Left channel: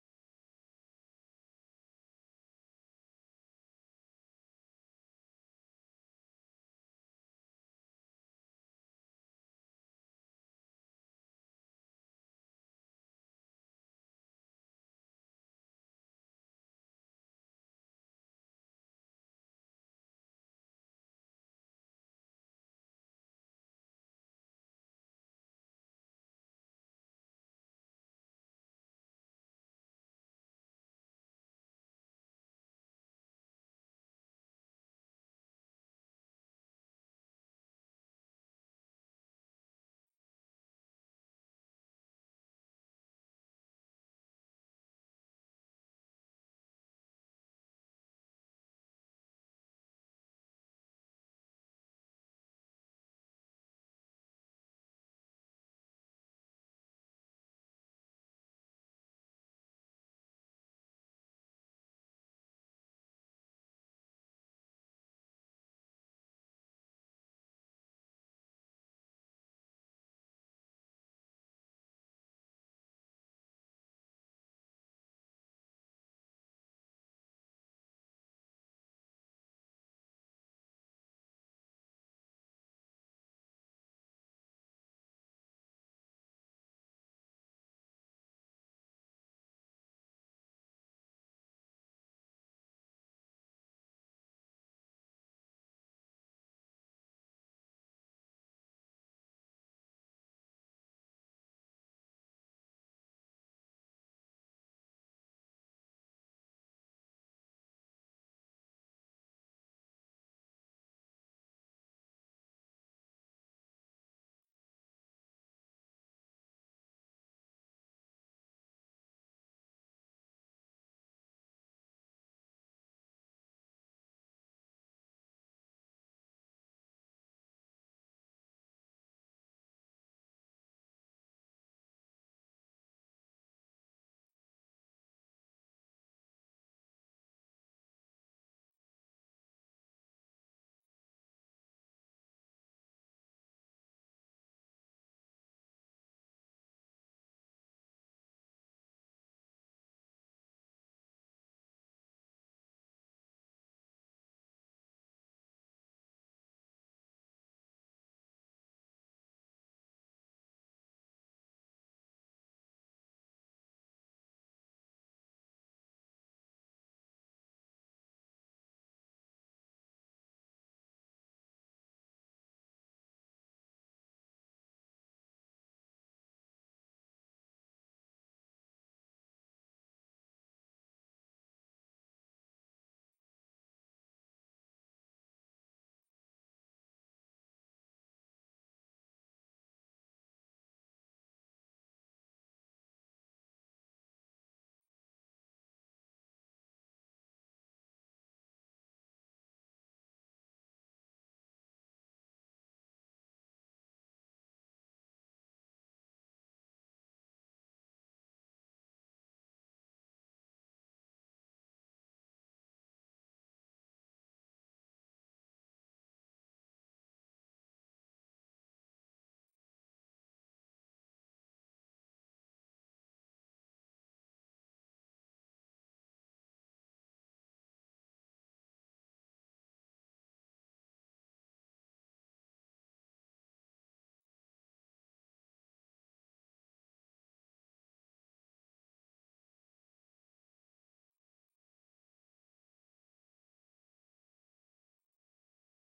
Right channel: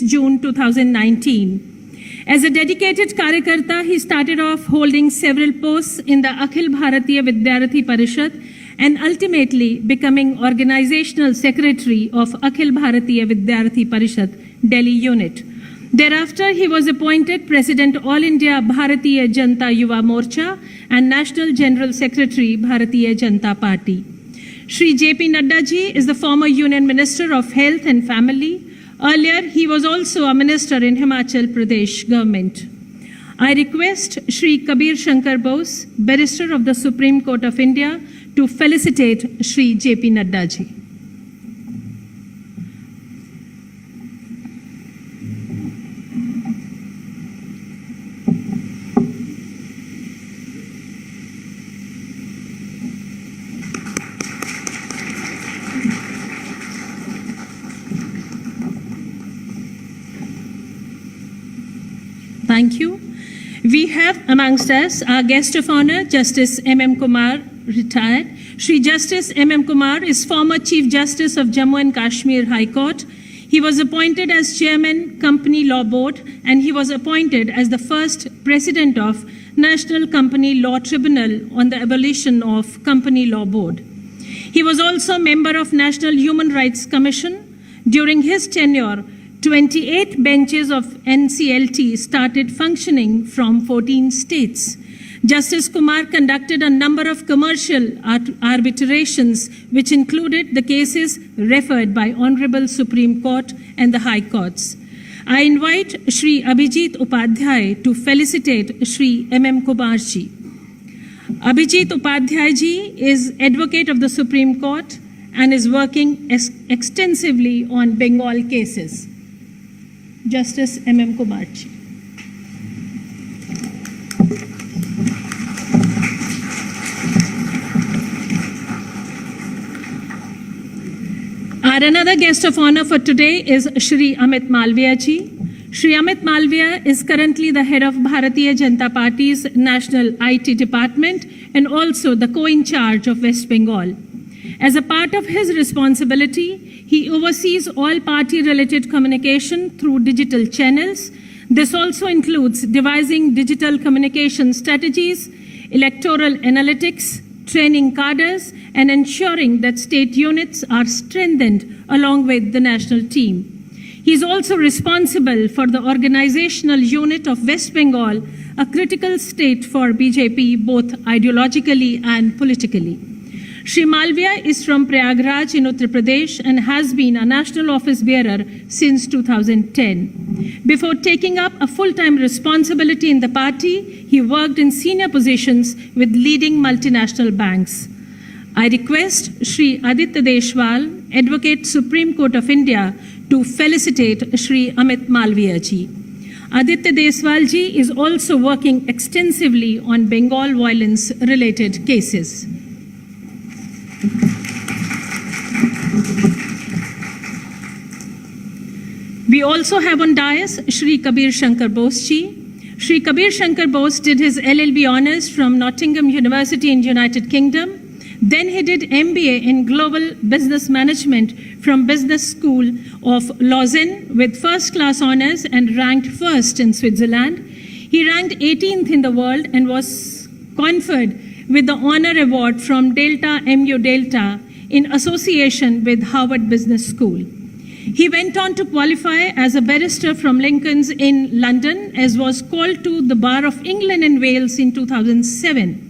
June 2019. As a dedicated Karyakarta, he started off holding several posts in the Akhil Bharatiya Vidyarthi Parishad and ultimately becoming Organizational Secretary of Akhil Bharatiya Vidyarthi Parishad, Delhi unit. Thereafter, he was appointed President All India Bharatiya Janata Yuva Morcha and National General Secretary Bharatiya Janata Party. Shri J.P. Nadda ji is the former Union Minister of Health and Family. Earlier, he was also a minister in Himachal Pradesh government. I request Shri Kabir Shankar Bose, Barrister of the Supreme Court of India, to felicitate Shri J.P. Nadda ji. Thank you. We have amongst us our guest of honor, Justice M.M. Kumar, retired. Shri Justice M.M. Kumar is former Chief Justice of Jammu and Kashmir High Court. He was appointed as Chairman, Company Law Board, and he was appointed as the first President of National Company Law Tribunal on the abolition of Company Law Board. He was also member of National Human Rights Commission. During his tenure, 28 benches of NCLT started functioning from 14 states. Justice Kumar conducted a number of commercial arbitrations, which included the cases referred by Honorable Supreme Court and the High Courts. I invite Shri Abhijit Upadhyay to felicitate Shri M.M. Kumar ji. Abhijit Upadhyay ji is Advocate of the Supreme Court and is working extensively on Bengal cases. Justice M.M. Kumar ji. Our another guest of honor for today is Shri Amit Malviya ji. Shri Amit Malviya is currently the head of Bharatiya Janata Party's National IT Department and also the co-in-charge of West Bengal. As a part of his responsibility, he oversees all party-related communication through digital channels. This also includes devising digital communication strategies, electoral analytics, training cadres, and ensuring that state units are strengthened along with the national team. He is also responsible for the organizational unit of West Bengal, a critical state for BJP both ideologically and politically. Shri Malviya is from Prayagraj in Uttar Pradesh and has been a national office bearer since 2010. Before taking up a full-time responsibility in the party, he worked in senior positions with leading multinational banks. I request Shri Aditya Deshwal, Advocate Supreme Court of India, to felicitate Shri Amit Malviya ji. Aditya Deshwal ji is also working extensively on Bengal violence-related cases. We also have on dais Shri Kabir Shankar Bose ji. Shri Kabir Shankar Bose did his LLB honors from Nottingham University in United Kingdom. Then he did MBA in Global Business Management from Business School of Lausanne with first-class honors and ranked first in Switzerland. He ranked 18th in the world and was conferred with the honor award from Delta MU Delta in association with Harvard Business School. He went on to qualify as a barrister from Lincoln's Inn, London, as was called to the Bar of England and Wales in 2007.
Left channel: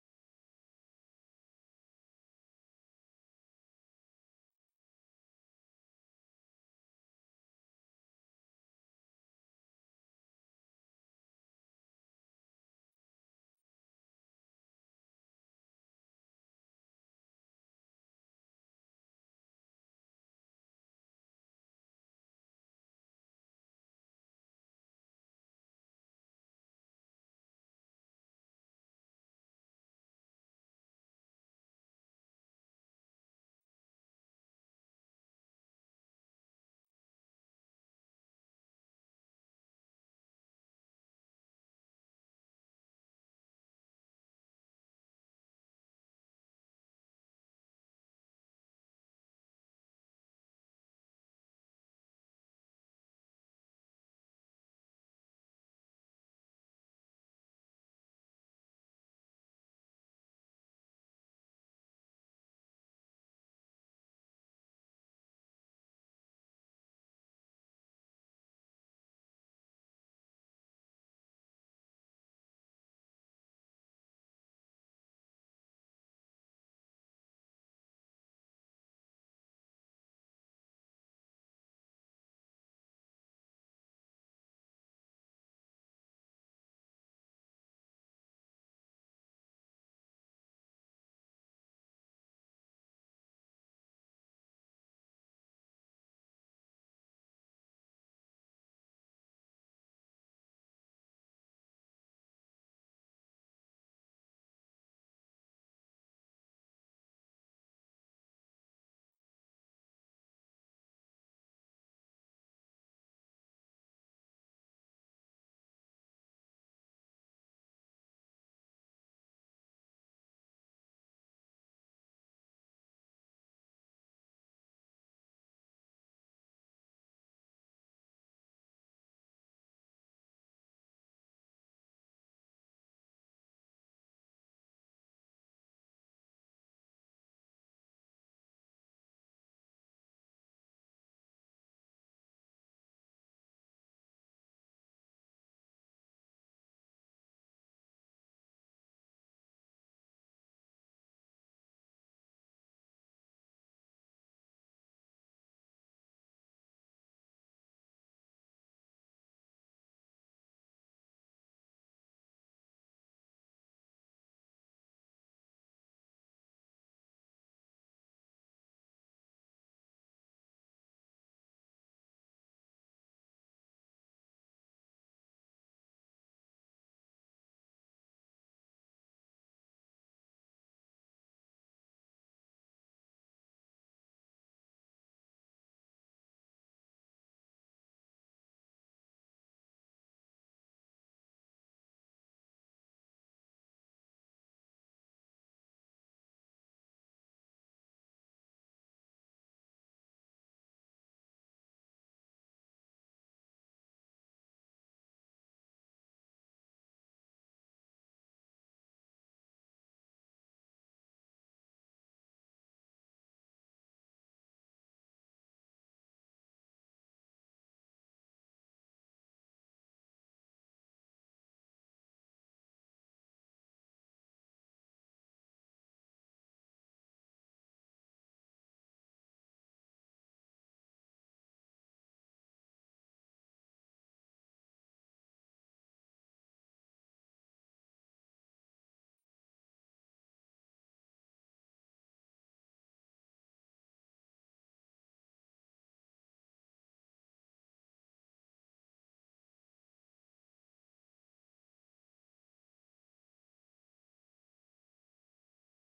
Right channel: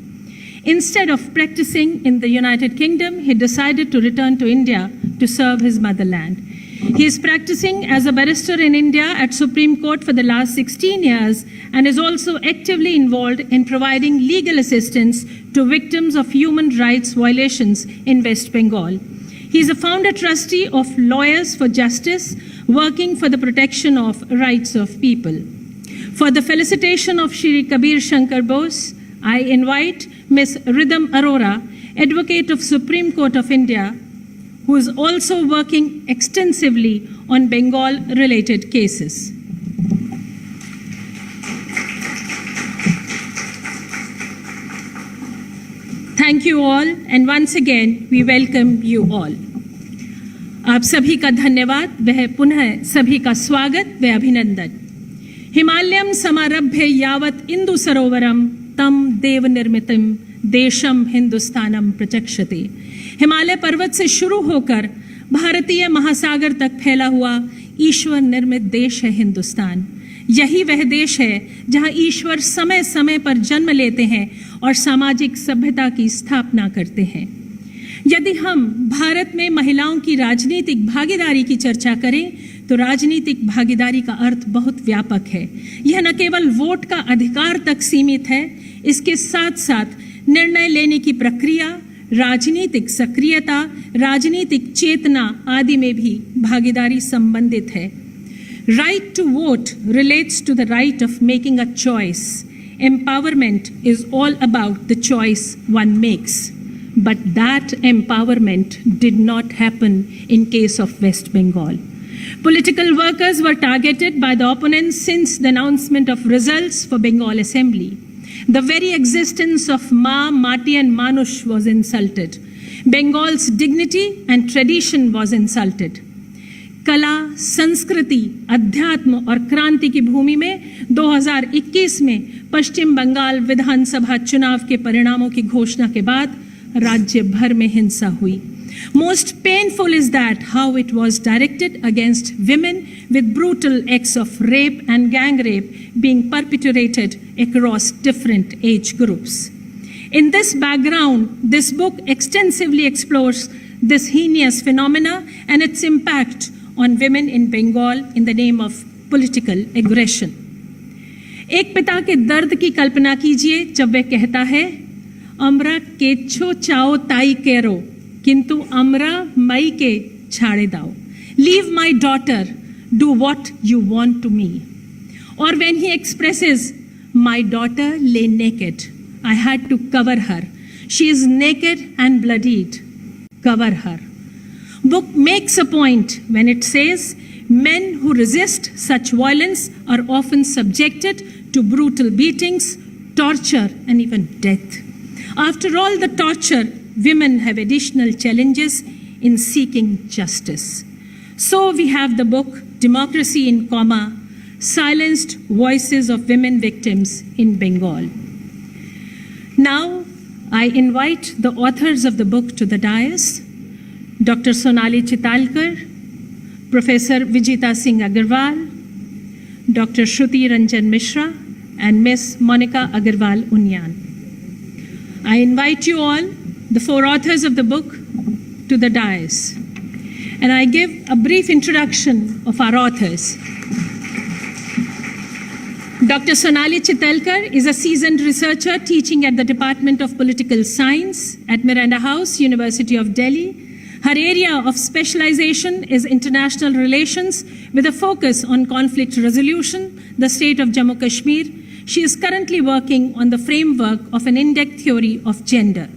Instead of practicing in the United Kingdom, he decided to return to India to serve his motherland. He is practicing as a barrister in India at Supreme Court for the last 16 years and is also actively involved in providing legal assistance to victims of human rights violations in West Bengal. He is a founder trustee of Lawyers for Justice, working for the protection of rights of people. For the felicitation of Shri Kabir Shankar Bose, I invite Ms. Rhythm Arora, Advocate of Supreme Court of India, who is also working extensively on Bengal-related cases. Thank you all, and once again, we welcome you all. आप सभी का धन्यवाद, वह पुनः सभी का स्वागत व अभिनंदन। हिमालयम समारभ्य यावत् इंदु सरोवरम तम देव निर्मितम देशम हिंदुस्तानम प्रचक्षते। हिमालय पर्वत से शुरू होकर भारतीय महासागर तक फैला हुआ ईश्वर निर्मित देश है हिंदुस्तान। यही वह देश है जहां ईश्वर समय समय पर जन्म लेते हैं और सामाजिक सभ्यता की स्थापना करते हैं। यदि हम भारत में महिलाओं की राजनीतिक भागीदारी की चर्चा करें तो राजनीतिक भागीदारी का अर्थ बहुत व्यापक है। यह न केवल वोट का अधिकार तक सीमित है, इसके साथ साथ निर्णय लेने की प्रक्रिया, राजनीतिक सक्रियता, राजनीतिक चेतना आदि में भी भागीदारी संबंधित है। Right to vote relates to the right of making a choice. Empowerment is all about the choice one makes. But that empowerment did not happen in case of West Bengal. Political workers were targeted by the opponents since the announcement of results for Bengal Assembly. The very existence of Ma, Mati and Manush was insulted. Bengal's dignity and tradition was insulted. कला, संस्कृति, अध्यात्म और क्रांति की भूमि में 2021 में पश्चिम बंगाल विधानसभा चुनाव के परिणामों की घोषणा के बाद राज्य भर में हिंसा हुई। Most painful is that how it was directed against women, with brutal acts of rape and gang rape being perpetrated across different age groups. In this background, this book extensively explores this heinous phenomena and its impact on women in Bengal in the name of political aggression. एक पिता के दर्द की कल्पना कीजिए जब वह कहता है, अमरा केच्छो चाओ ताई केरो, किंतु अमरा मई के छाड़े दाओ. Leave my daughter, do what you want to me. Or when he expresses, my daughter lay naked, I had to cover her. She is naked and bloodied. Cover her. Book makes a point when it says men who resist such violence are often subjected to brutal beatings, torture, and even death. After all the torture, women have additional challenges in seeking justice. So we have the book Democracy in Coma, Silenced Voices of Women Victims in Bengal. Now I invite the authors of the book to the dais. Dr. Sonali Chitalkar, Professor Vijita Singh Agarwal, Dr. Shruti Ranjan Mishra, and Ms. Monica Agarwal Unyan. I invite you all, the four authors of the book, to the dais. And I give a brief introduction of our authors. Dr. Sonali Chitalkar is a seasoned researcher teaching at the Department of Political Science at Miranda House, University of Delhi. Her area of specialization is international relations with a focus on conflict resolution, the state of Jammu Kashmir. She is currently working on the framework of an in-depth theory of gender.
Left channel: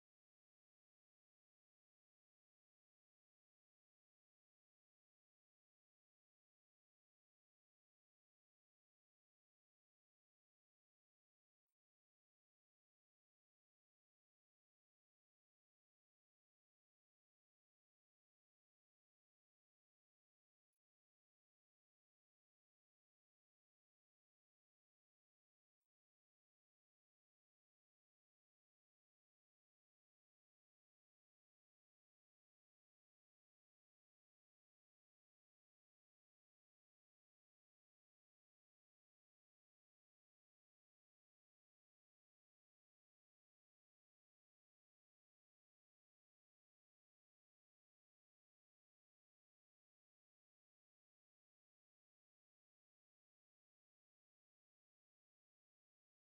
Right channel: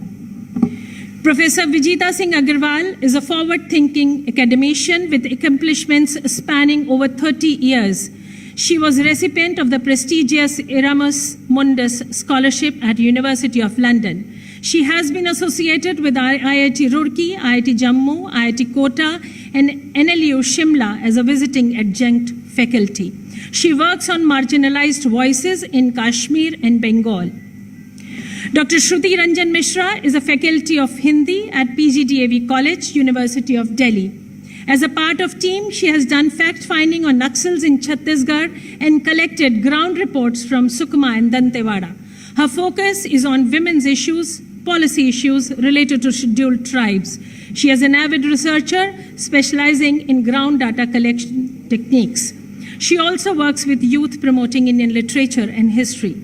Professor Vijita Singh Agarwal is a forward-thinking academician with accomplishments spanning over 30 years. She was a recipient of the prestigious Erasmus Mundus Scholarship at University of London. She has been associated with IIT Roorkee, IIT Jammu, IIT Kota, and NLU Shimla as a visiting adjunct faculty. She works on marginalized voices in Kashmir and Bengal. Dr. Shruti Ranjan Mishra is a faculty of Hindi at PGDAV College, University of Delhi. As a part of team, she has done fact-finding on Naxals in Chhattisgarh and collected ground reports from Sukma and Dantewada. Her focus is on women's issues, policy issues related to scheduled tribes. She is an avid researcher specializing in ground data collection techniques. She also works with youth promoting Indian literature and history.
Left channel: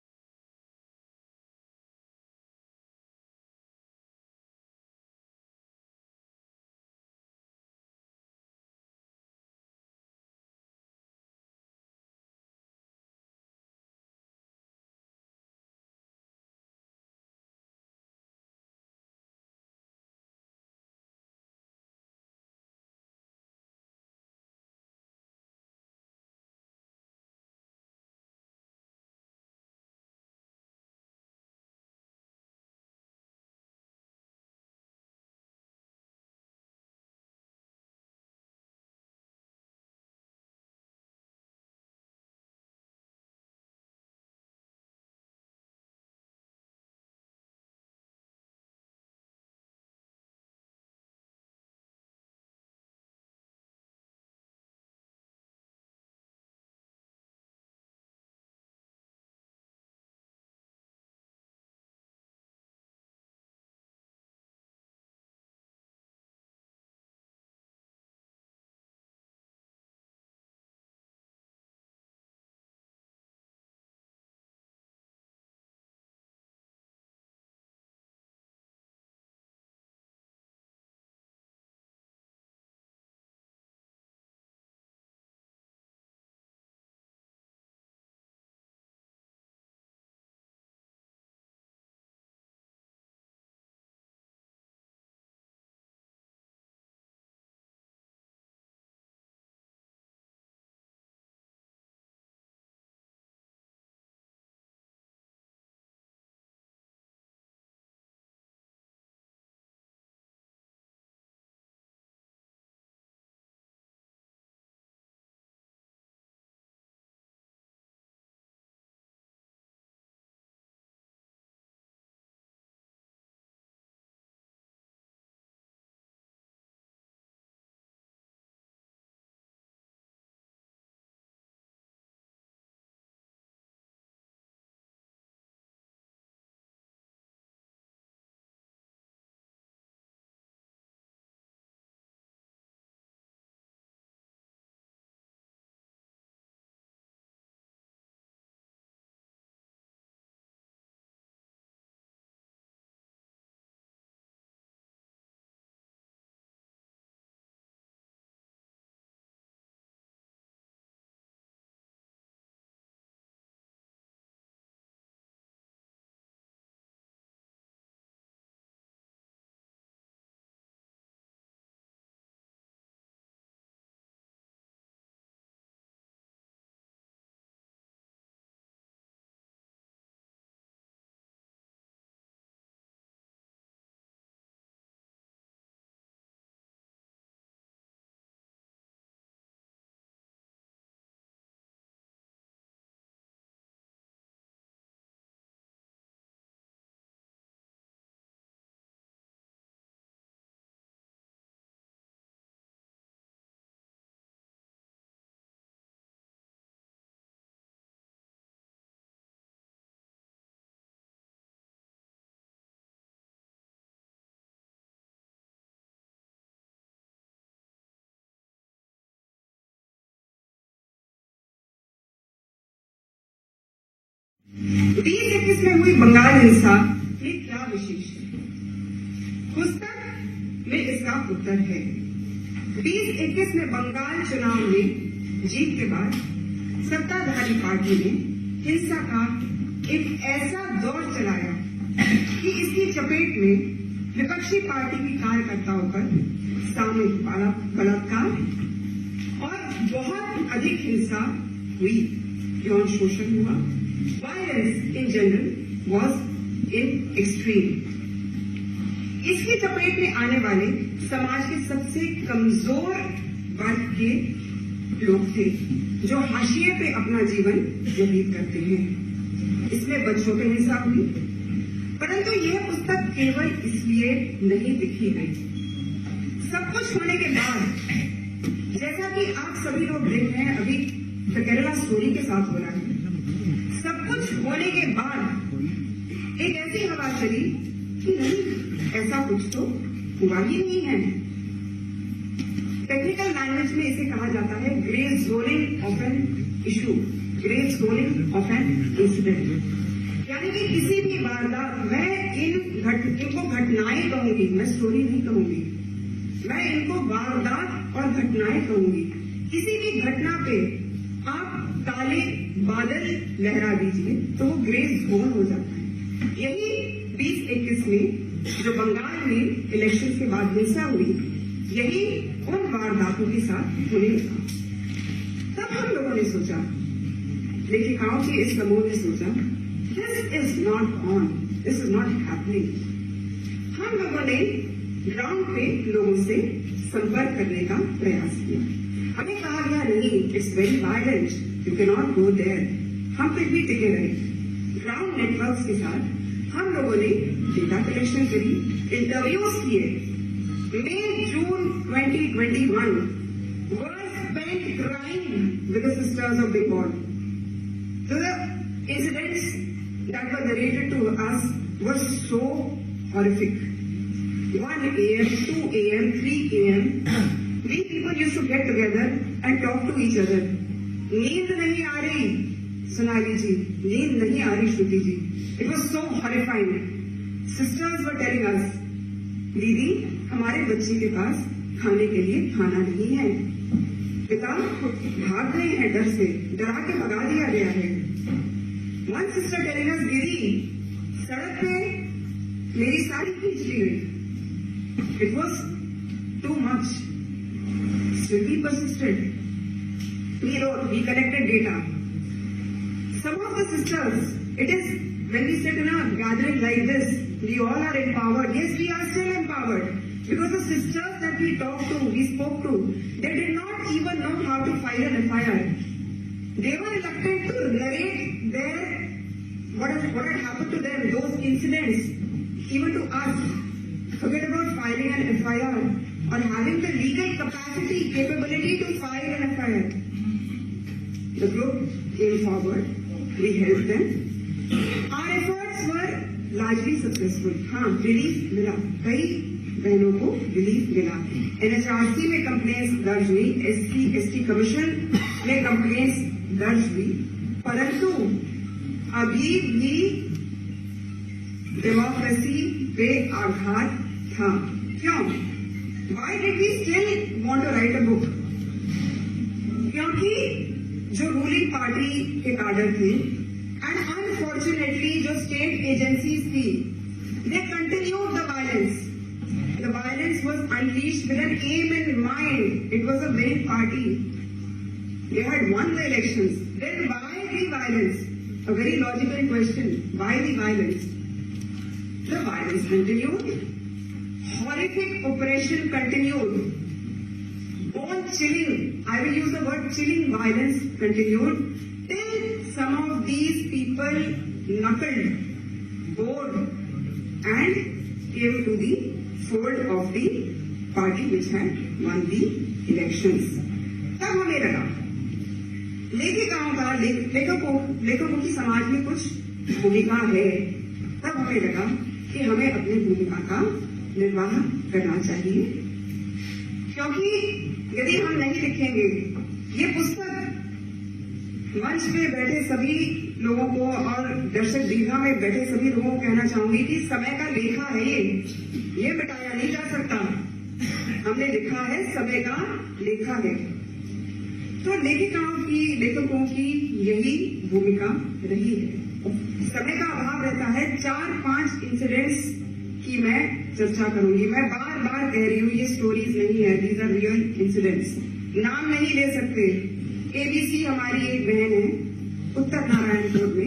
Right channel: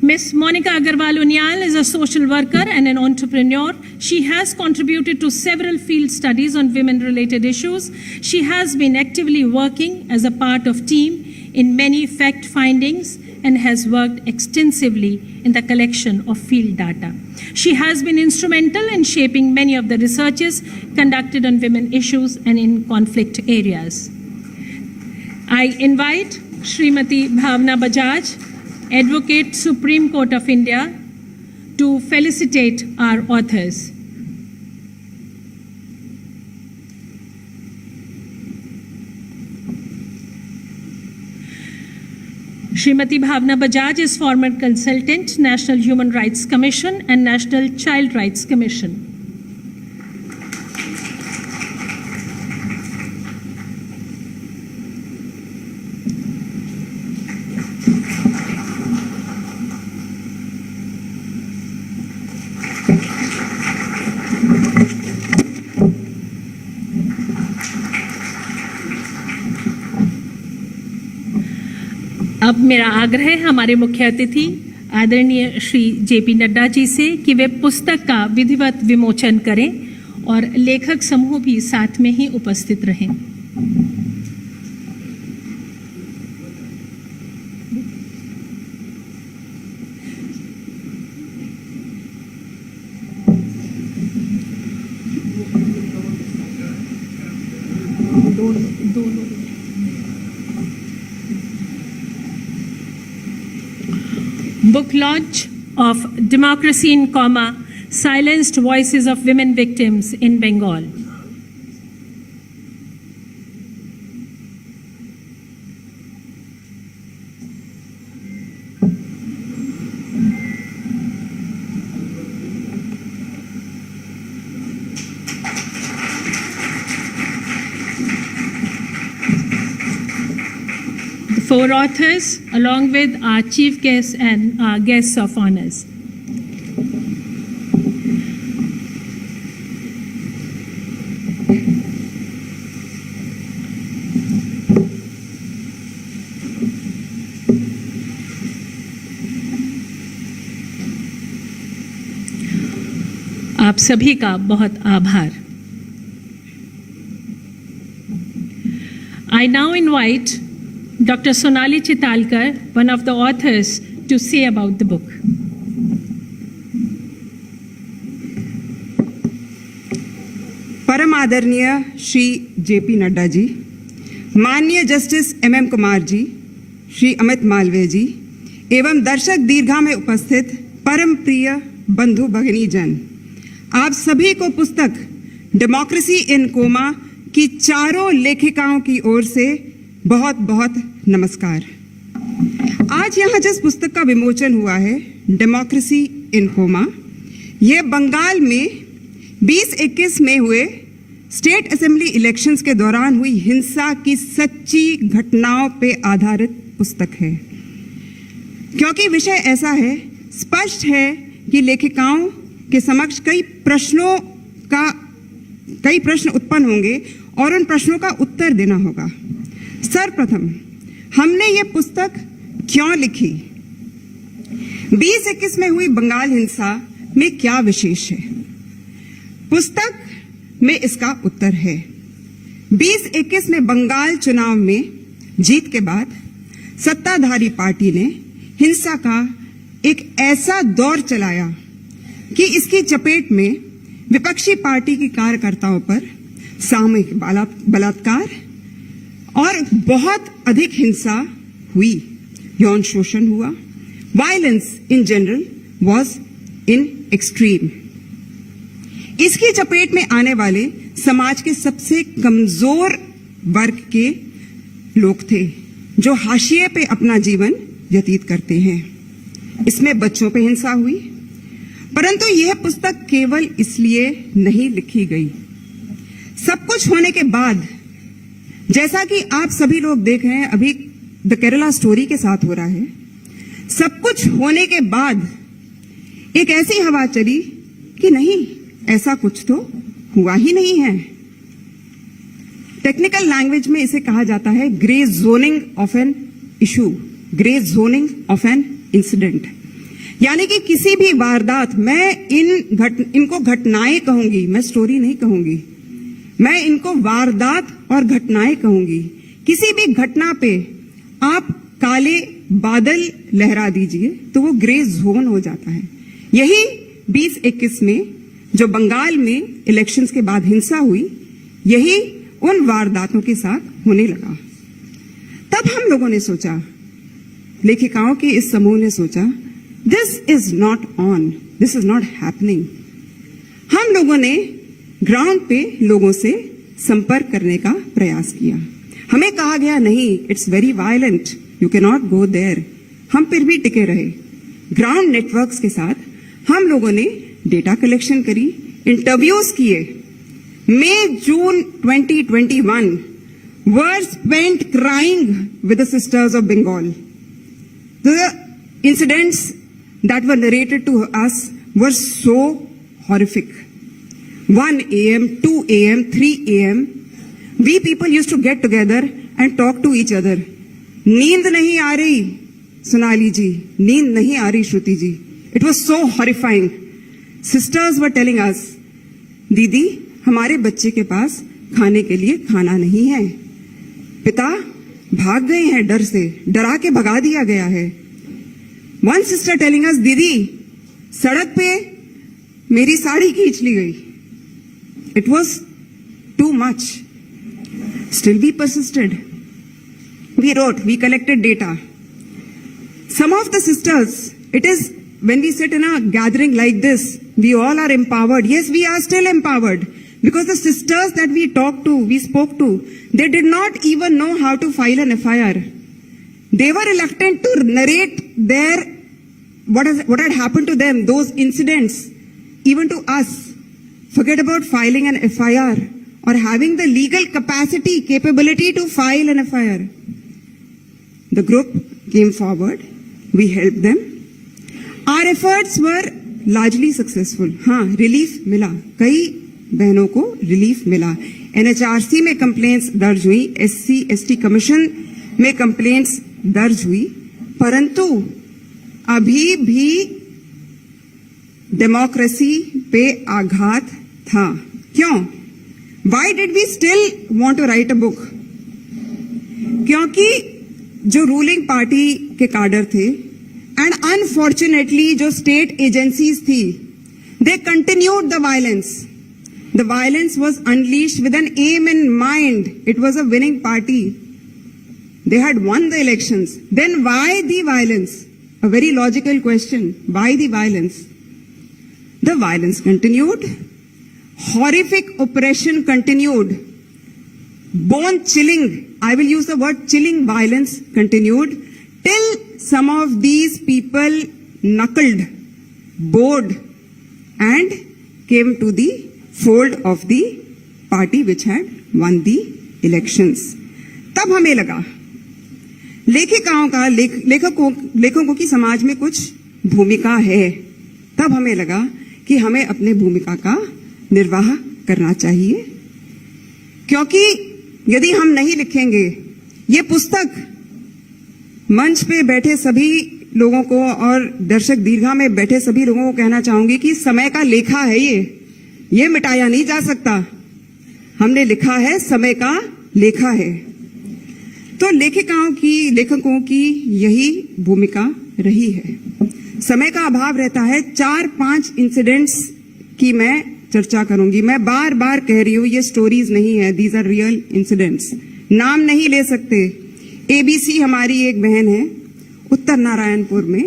Ms. Monica Agarwal Unyal is a social worker and an entrepreneur. She has contributed to several field studies on women-related issues. She has been actively working as a part of team in many fact findings and has worked extensively in the collection of field data. She has been instrumental in shaping many of the researches conducted on women issues and in conflict areas. I invite Srimati Bhavna Bajaj, Advocate, Supreme Court of India, to felicitate our authors. Srimati Bhavna Bajaj is former consultant, National Human Rights Commission and National Child Rights Commission. अब मेरा आग्रह है हमारे मुख्य अतिथि आदरणीय Shri JP Nadda ji से कि वे पुस्तक का विधिवत विमोचन करें और लेखक समूह भी साथ में ही उपस्थित रहें। Book launch of Democracy in Coma, Silenced Voices of Women Victims in Bengal. Four authors, along with our chief guests and our guests of honors. आप सभी का बहुत आभार. I now invite Dr. Sonali Chitalkar, one of the authors, to say about the book. परम आदरणीय Shri JP Nadda ji, माननीय justice MM Kumar जी, श्री अमित मालवीय जी एवं दर्शक दीर्घा में उपस्थित परम प्रिय बंधु भगिनी जन, आप सभी को पुस्तक डेमोक्रेसी इन कोमा की चारों लेखिकाओं की ओर से बहुत बहुत नमस्कार। आज यहाँ जिस पुस्तक का विमोचन हुआ है, डेमोक्रेसी इन कोमा, यह बंगाल में 2021 में हुए स्टेट असेंबली इलेक्शंस के दौरान हुई हिंसा की सच्ची घटनाओं पे आधारित पुस्तक है। क्योंकि विषय ऐसा है, स्पष्ट है कि लेखिकाओं के समक्ष कई प्रश्न उत्पन्न होंगे और उन प्रश्नों का उत्तर देना होगा। सर्वप्रथम, हमने ये पुस्तक क्यों लिखी? 2021 में हुई बंगाल हिंसा में क्या विशेष है? पुस्तक में इसका उत्तर है। 2021 में बंगाल चुनाव में जीत के बाद सत्ताधारी पार्टी ने हिंसा का एक ऐसा दौर चलाया कि इसकी चपेट में विपक्षी पार्टी की कार्यकर्ताओं पर सामूहिक बलात्कार और बहुत अधिक हिंसा हुई, यौन शोषण हुआ। Violence in general was in extreme. इसकी चपेट में आने वाले समाज के सबसे कमजोर वर्ग के लोग थे जो हाशिए पे अपना जीवन व्यतीत करते हैं। इसमें बच्चों पे हिंसा हुई, परंतु यह पुस्तक केवल इसलिए नहीं लिखी गई। सब कुछ होने के बाद, जैसा कि आप सभी लोग देख रहे हैं, अभी द केरला स्टोरी के साथ हो रहा है, सब कुछ होने के बाद एक ऐसी हवा चली कि नहीं, ऐसा कुछ तो हुआ ही नहीं है। टेक्निकल लैंग्वेज में इसे कहा जाता है grey zoning of an issue, grey zoning of an incident. यानी कि किसी भी वारदात, मैं इनको घटनाएं कहूंगी, मैं स्टोरी नहीं कहूंगी, मैं इनको वारदात और घटनाएं कहूंगी। किसी भी घटना पे आप काले बादल लहरा दीजिए तो वो ग्रे जोन हो जाता है। यही 2021 में जो बंगाल में इलेक्शंस के बाद हिंसा हुई, यही उन वारदातों के साथ होने लगा। तब हम लोगों ने सोचा, लेखिकाओं के इस समूह ने सोचा, this is not on, this is not happening. हम लोगों ने ग्राउंड पे लोगों से संपर्क करने का प्रयास किया। हमें कहा गया नहीं, it's very violent, you can not go there. हम फिर भी टिके रहे। ग्राउंड नेटवर्क्स के साथ हम लोगों ने डेटा कलेक्शन करी, इंटरव्यूज किए। मई जून 2021 were spent crying with the sisters of Bengal. The incidents that were narrated to us were so horrific. 1 a.m., 2 a.m., 3 a.m. We people used to get together and talk to each other. नींद नहीं आ रही सोनाली जी, नींद नहीं आ रही श्रुति जी. It was so horrifying. Sisters were telling us, दीदी हमारे बच्चे के पास खाने के लिए खाना नहीं है, पिता भाग गए हैं डर से, डरा के भगा दिया गया है. One sister telling us, दीदी सड़क पे मेरी साड़ी खींच ली गई. It was too much. Still we persisted. We wrote, we collected data. Some of the sisters, it is when we sit in a gathering like this, we all are empowered. Yes, we are still empowered. Because the sisters that we talked to, we spoke to, they did not even know how to file an FIR. They were reluctant to narrate what had happened to them, those incidents, even to us. Forget about filing an FIR or having the legal capacity, capability to file an FIR. The group came forward. We helped them. Our efforts were largely successful. हाँ, relief मिला, कई बहनों को relief मिला. NHRC में complaints दर्ज हुई, SC/ST commission में कंप्लेंट्स दर्ज हुई, परंतु अभी भी डेमोक्रेसी पे आघात था. क्यों? Why did we still want to write a book? क्योंकि जो रूलिंग पार्टी के कैडर थे एंड अनफॉर्चुनेटली जो स्टेट एजेंसीज थी, they continued the violence. The violence was unleashed with an aim in mind. It was a winning party. They had won the elections. Then why the violence? A very logical question. Why the violence? The violence continued. Horrific oppression continued. Bone chilling, I will use the word chilling violence continued till some of these people knuckled, bowed and came to the fold of the party which had won the elections. तब हमें लगा लेखिकाओं का लेखकों की समाज में कुछ भूमिका है. तब हमें लगा कि हमें अपने भूमिका का निर्वाह करना चाहिए, क्योंकि यदि हम नहीं लिखेंगे ये पुस्तक, मंच पे बैठे सभी लोगों को और दर्शक दीर्घा में बैठे सभी लोगों को कहना चाहूंगी कि समय का लेखा है ये मिटाया नहीं जा सकता. हमने लिखा है, समय का लेखा है. तो लेखकों की यही भूमिका रही है. समय का अभाव रहता है. 4-5 इंसिडेंट्स की मैं चर्चा करूंगी. मैं बार बार कह रही हूं, ये स्टोरीज नहीं है, दीज आर रियल इंसिडेंट्स. नाम नहीं ले सकते. ABC हमारी एक बहन है उत्तर नारायणपुर में.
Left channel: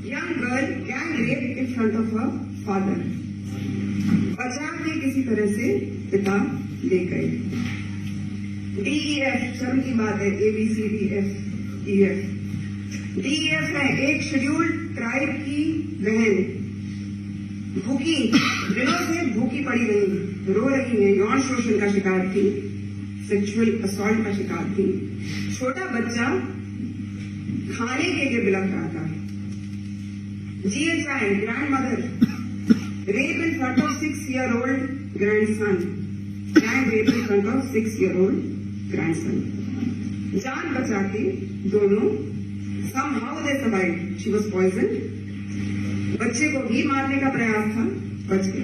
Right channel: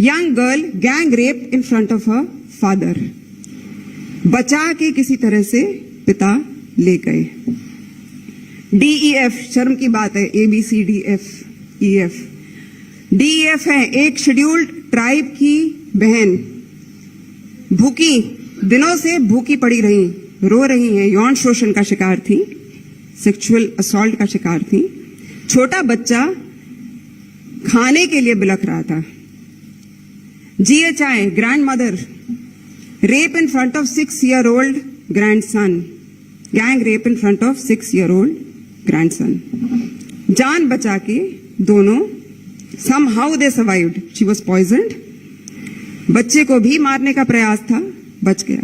Young girl gang rape in front of her father. बचा के किसी तरह से पिता ले गए. DEF, शर्म की बात है, ABCDFEF. DEF है एक शेड्यूल्ड ट्राइब की बहन, भूखी, दिनों से भूखी पड़ी रही, रो रही है, यौन शोषण का शिकार थी, सेक्सुअल असॉल्ट का शिकार थी. छोटा बच्चा खाने के लिए बिलख रहा था. GHI, grand mother, rape in front of 6-year-old grandson. Gang rape in front of 6-year-old grandson. जान बचा के दोनों, somehow they survived. She was poisoned. बच्चे को भी मारने का प्रयास था, बच गया.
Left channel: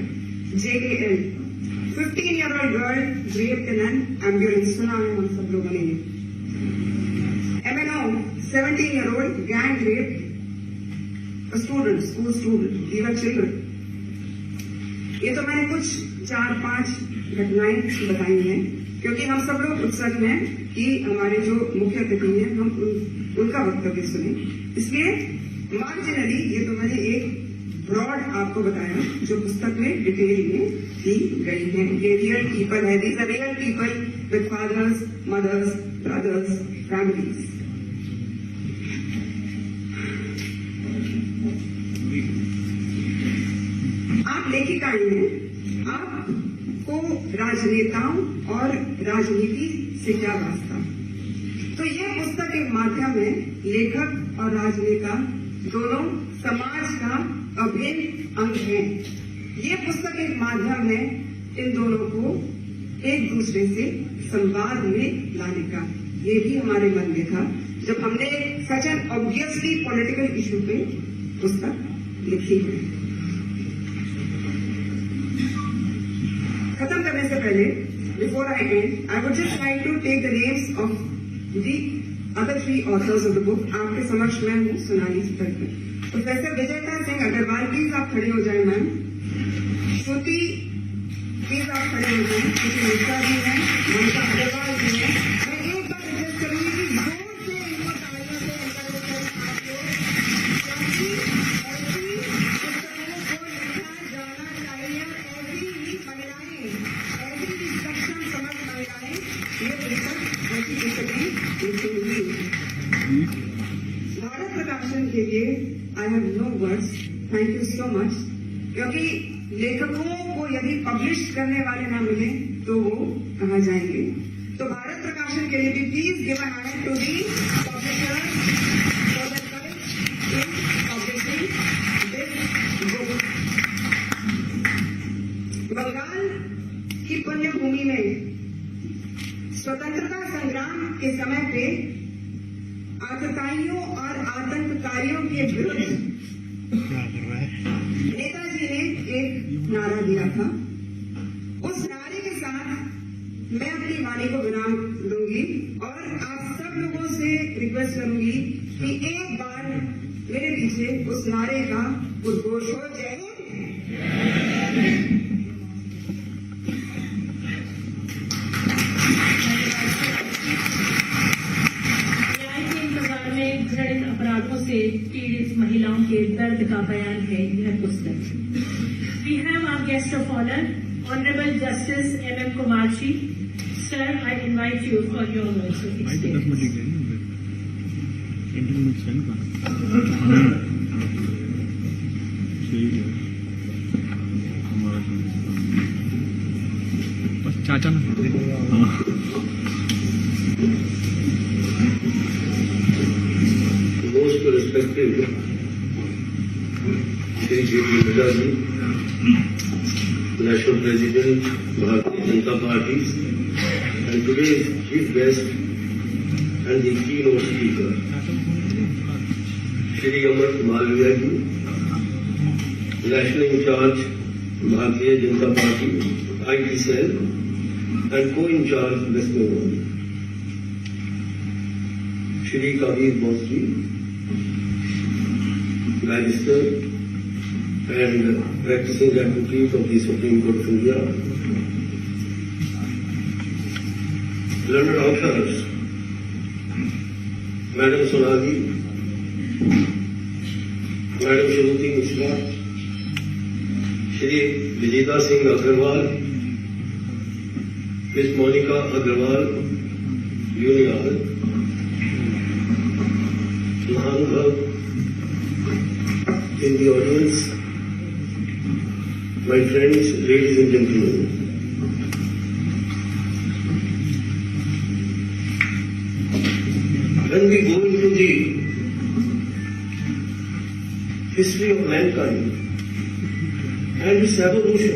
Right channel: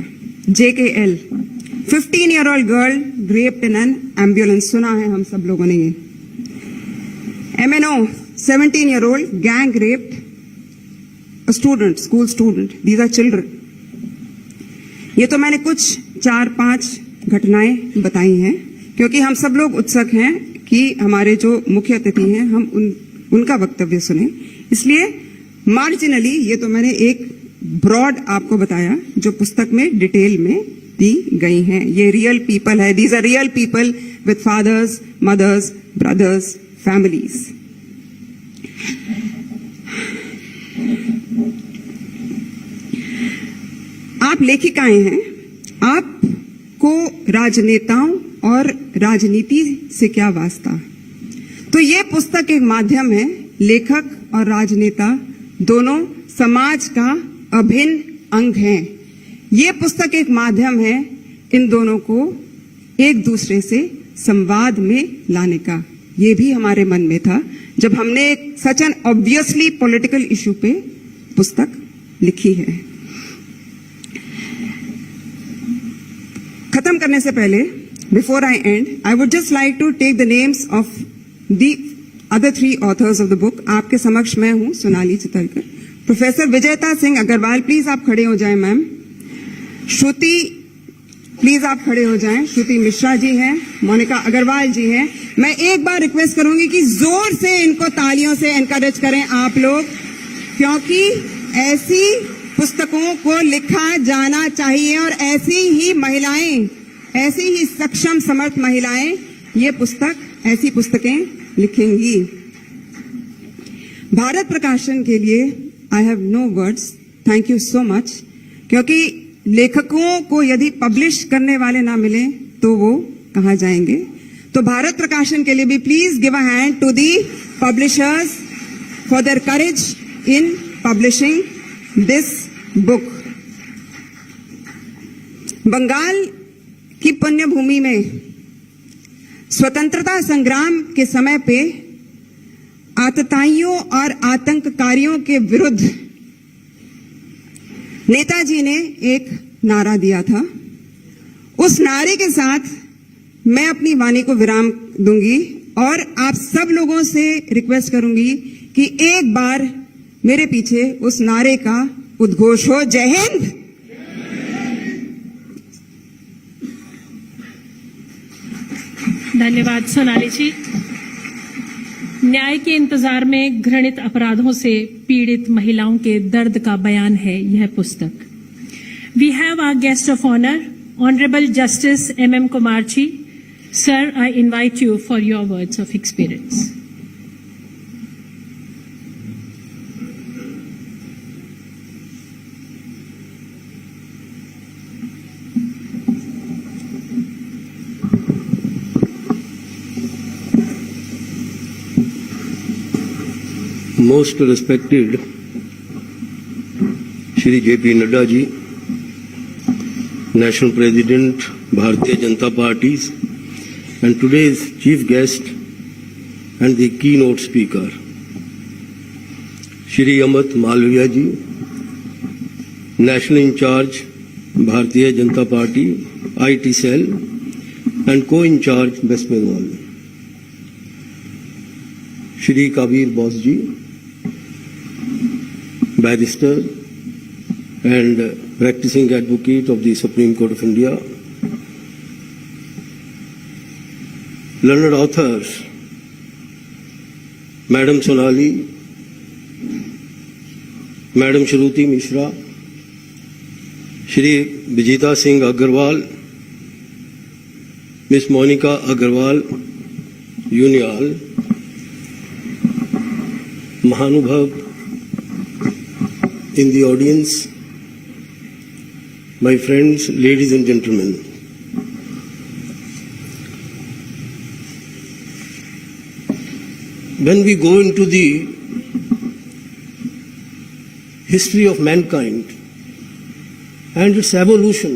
JKL, 15-year-old girl raped in an ambulance. सुना है हम सब लोगों ने ये. MNO, 17-year-old gang raped a student, school student. These are children. ये तो मैंने कुछ 4-5 घटनाएं बताई हैं, क्योंकि हम सब लोग उत्सुक हैं कि हमारे जो मुख्य अतिथि हैं हम उनका वक्तव्य सुने. इसलिए मार्जिनली ये तो मैंने एक ब्रॉड आपको बताया जो पुस्तक में डिटेल में दी गई हैं. ये रियल पीपल है, these are real people with fathers, mothers, brothers, families. आप लेखिकाएं हैं, आपको राजनेताओं और राजनीति से क्या वास्ता? तो ये पुस्तक एक माध्यम है, लेखक और राजनेता दोनों समाज का अभिन्न अंग हैं। ये पुस्तक एक माध्यम है इन दोनों को एक दूसरे से संवाद में लाने का। ये भी हमारे मन में था जब हमने एक such an obviously political issue पे पुस्तक लिखी है। खत्म करने से पहले, before I end, I would just like to take the names of the other 3 authors of the book. आपके समक्ष मैं हूं सोनाली चितलकर, प्रोफेसर विजयता सिंह अग्रवाल, प्लीज आप खड़े हो जाएं मैम। श्रुति, प्लीज आप खड़े हो जाएं। श्रुति मिश्रा जी हैं, मोनिका अग्रवाल जी हैं। मैं एक बार रिक्वेस्ट करूंगी कि जोर से इनको तालियों से एनकरेज करें आप लोग, क्योंकि ऐसी पुस्तकों को लिखा जाना चाहिए और ऐसी ही महिलाएं, ऐसी ही सक्षम समर्थ महिलाएं ये पुस्तक, ऐसी पुस्तकें लिखेंगी। भारत प्रकाशन के लिए I have no words, thank you so much, क्योंकि लेखकों को यदि पब्लिश करने वाले ना मिले तो वो कहाँ जाएंगे। तो भारत प्रकाशन के लिए भी please give a hand to the publishers for their courage in publishing this book. Bengal की पुण्य भूमि में स्वतंत्रता संग्राम के समय पे आतताइयों और आतंककारियों के विरुद्ध नेताजी ने एक नारा दिया था। उस नारे के साथ मैं अपनी वाणी को विराम दूंगी और आप सब लोगों से रिक्वेस्ट करूंगी कि एक बार मेरे पीछे उस नारे का उद्घोष हो। जय हिंद। धन्यवाद सोनाली जी। न्याय के इंतजार में घृणित अपराधों से पीड़ित महिलाओं के दर्द का बयान है यह पुस्तक। We have our guest of honour, honourable justice MM Kumar ji. Sir, I invite you for your words of experience. Most respected Shri J.P. Nadda ji, National President, Bharatiya Janata Party, and today's chief guest and the keynote speaker, Shri Amit Malviya ji, National in charge, Bharatiya Janata Party, IT cell, and co-in-charge West Bengal, Shri Kabir Bose ji, barrister and practicing advocate of the Supreme Court of India, learned authors, Madam Sonali, Madam Shruti Mishra, Shri Vijayta Singh Agarwal, Miss Monica Agarwal, Unial, Mahanubhav in the audience, my friends, ladies and gentlemen. When we go into the history of mankind and its evolution,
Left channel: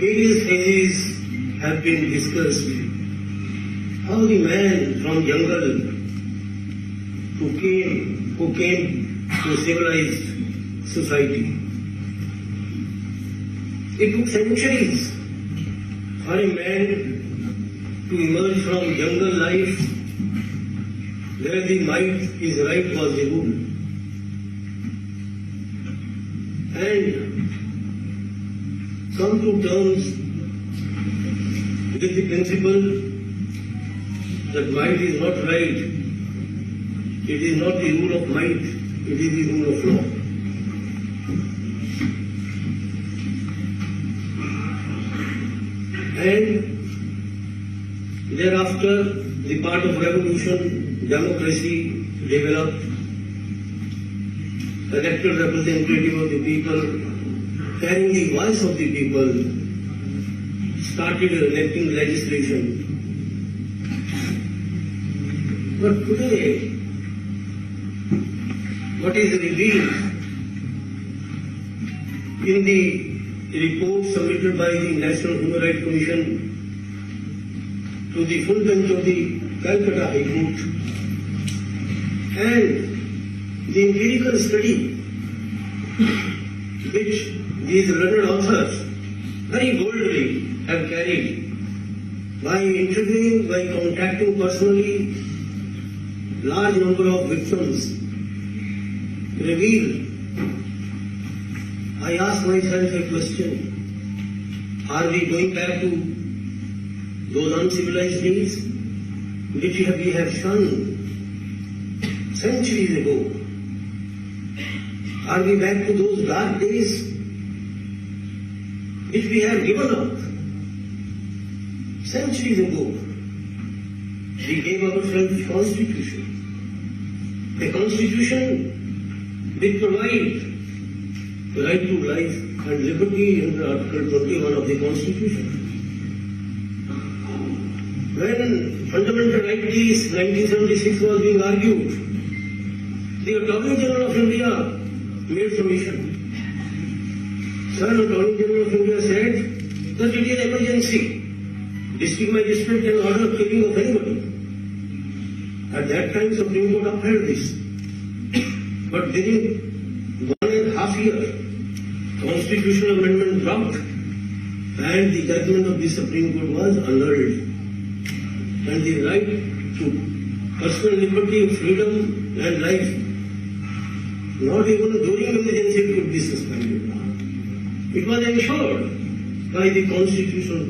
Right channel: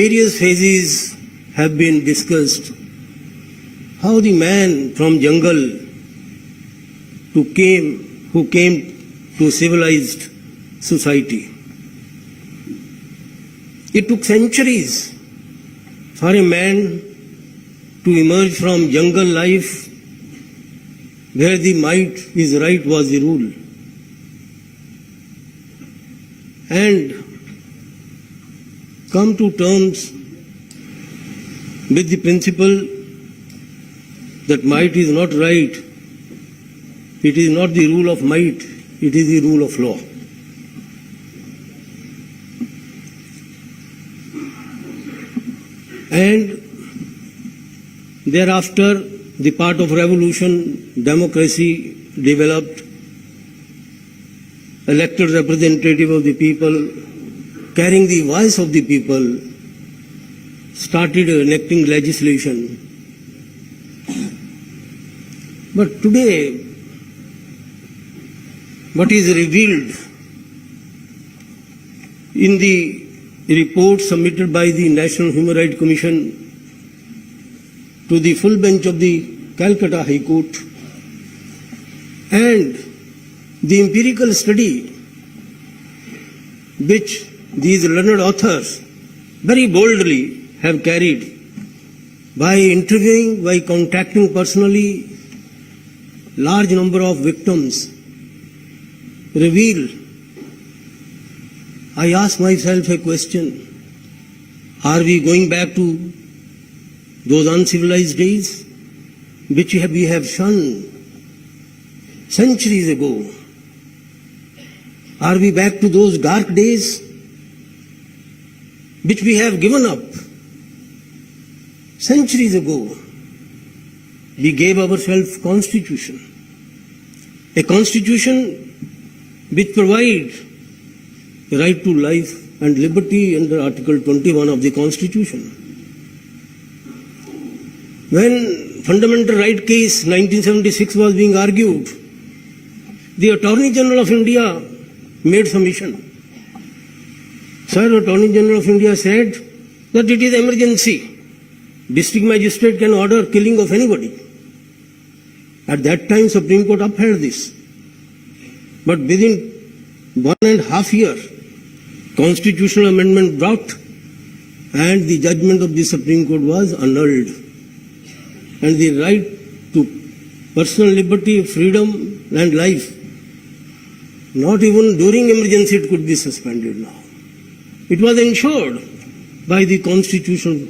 various phases have been discussed. How the man from jungle who came to civilized society. It took centuries for a man to emerge from jungle life where the might is right was the rule, and come to terms with the principle that might is not right. It is not the rule of might, it is the rule of law. And thereafter, the part of revolution, democracy developed, elected representative of the people, carrying the voice of the people, started enacting legislation. But today, what is revealed in the report submitted by the National Human Rights Commission to the full bench of the Calcutta High Court, and the empirical study which these learned authors very boldly have carried by interviewing, by contacting personally large number of victims, reveal. I ask myself a question: are we going back to those uncivilized days which we have shunned centuries ago? Are we back to those dark days which we have given up centuries ago? We gave ourselves constitution, a constitution which provides the right to life and liberty under Article 21 of the Constitution. When Fundamental Right case 1976 was being argued, the Attorney General of India made submission. Sir, Attorney General of India said that it is emergency. District magistrate can order killing of anybody. At that time, Supreme Court upheld this. But within 1.5 years, constitutional amendment dropped and the judgment of the Supreme Court was annulled. And the right to personal liberty, freedom and life, not even during emergency it could be suspended now. It was ensured by the constitutional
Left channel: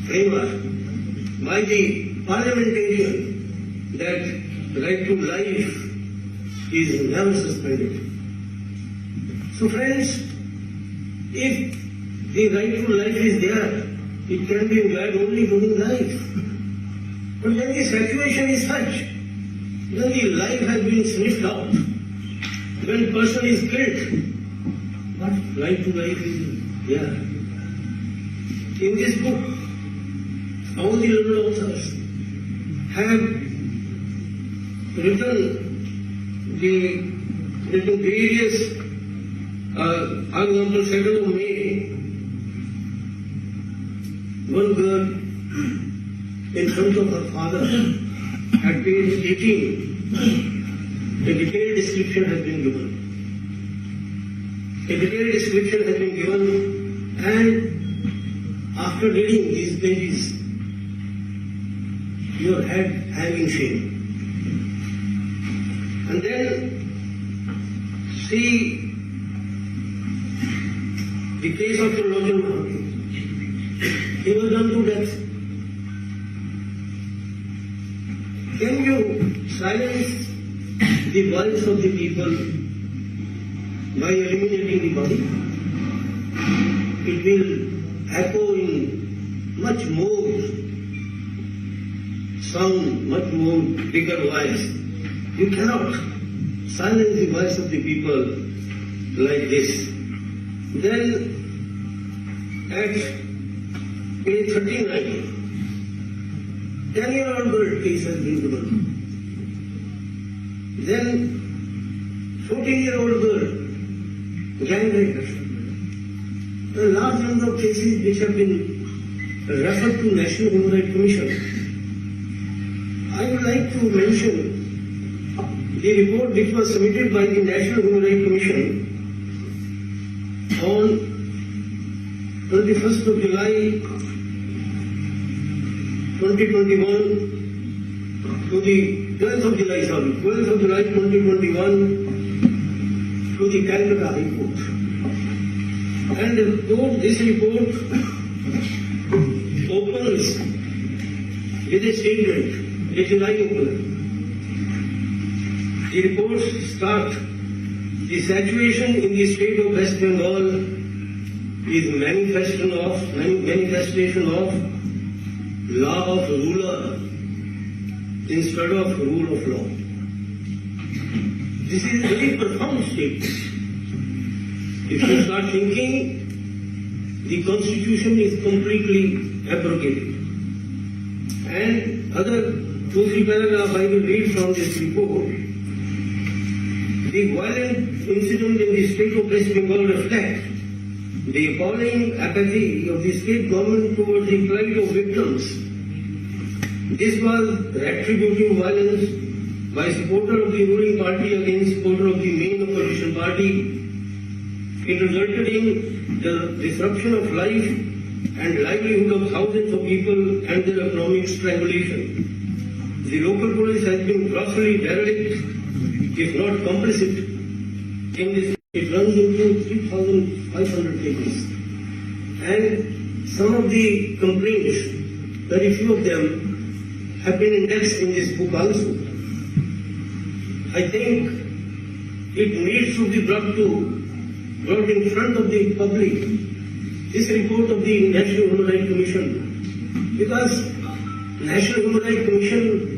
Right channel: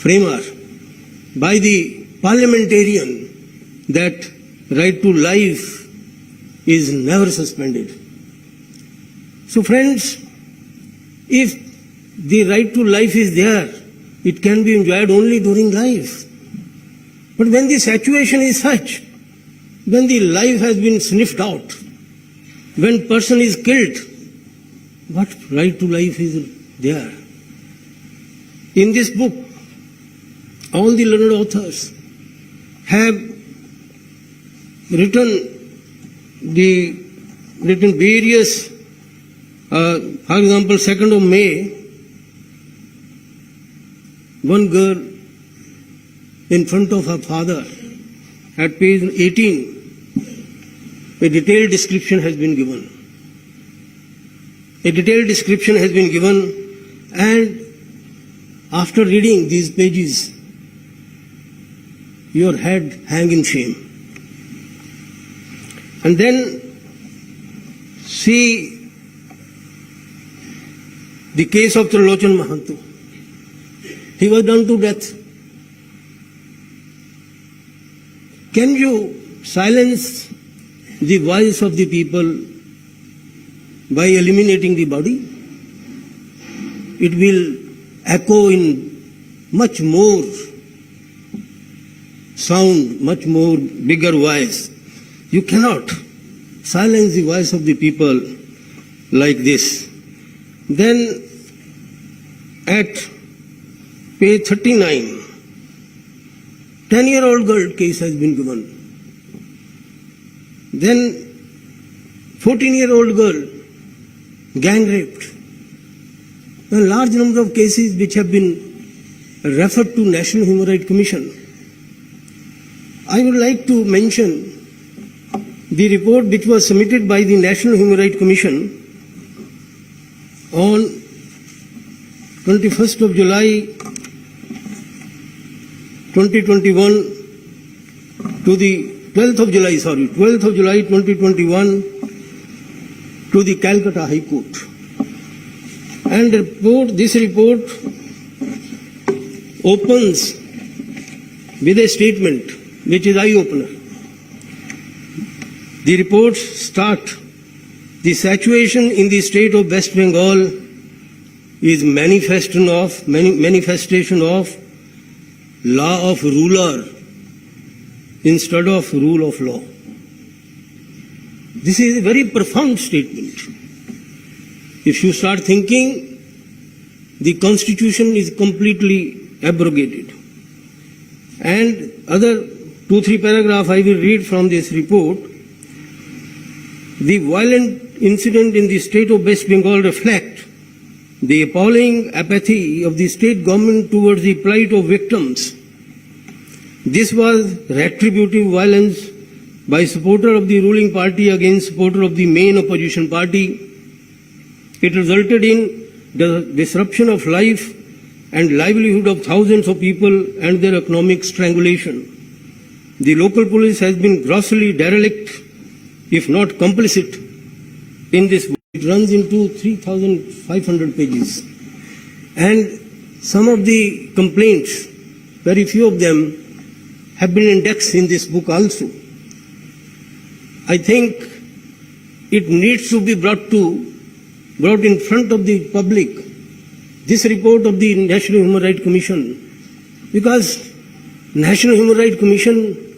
framer, by the parliamentarian, that right to life is never suspended. So friends, if the right to life is there, it can be enjoyed only during life. But when the situation is such, when the life has been sniffed out, when person is killed, what right to life is there? In this book, all the learned authors have written various, for example, 2nd of May, one girl in front of her father, at page 18, a detailed description has been given. A detailed description has been given, and after reading these pages, your head hang in shame. And then see the case of Trilochan Mahanto. He was done to death. Can you silence the voice of the people by eliminating the body? It will echo in much more sound, much more bigger voice. You cannot silence the voice of the people like this. Then at page 39, 10-year-old girl case has been given. Then 14-year-old girl gang raped. A large number of cases which have been referred to National Human Rights Commission. I would like to mention the report which was submitted by the National Human Rights Commission on 21st of July 2021 to the 12th of July 2021 to the Calcutta High Court. And this report opens with a statement which is eye-opener. The reports start: the situation in the state of West Bengal is manifestation of law of ruler instead of rule of law. This is a very profound statement. If you start thinking, the constitution is completely abrogated. And other 2-3 paragraphs I will read from this report. The violent incident in the state of West Bengal reflect the appalling apathy of the state government towards the plight of victims. This was retributive violence by supporter of the ruling party against supporter of the main opposition party. It resulted in the disruption of life and livelihood of thousands of people and their economic strangulation. The local police has been grossly derelict, if not complicit, in this. It runs into 3,500 pages. And some of the complaints, very few of them, have been indexed in this book also. I think it needs to be brought in front of the public, this report of the National Human Rights Commission, because National Human Rights Commission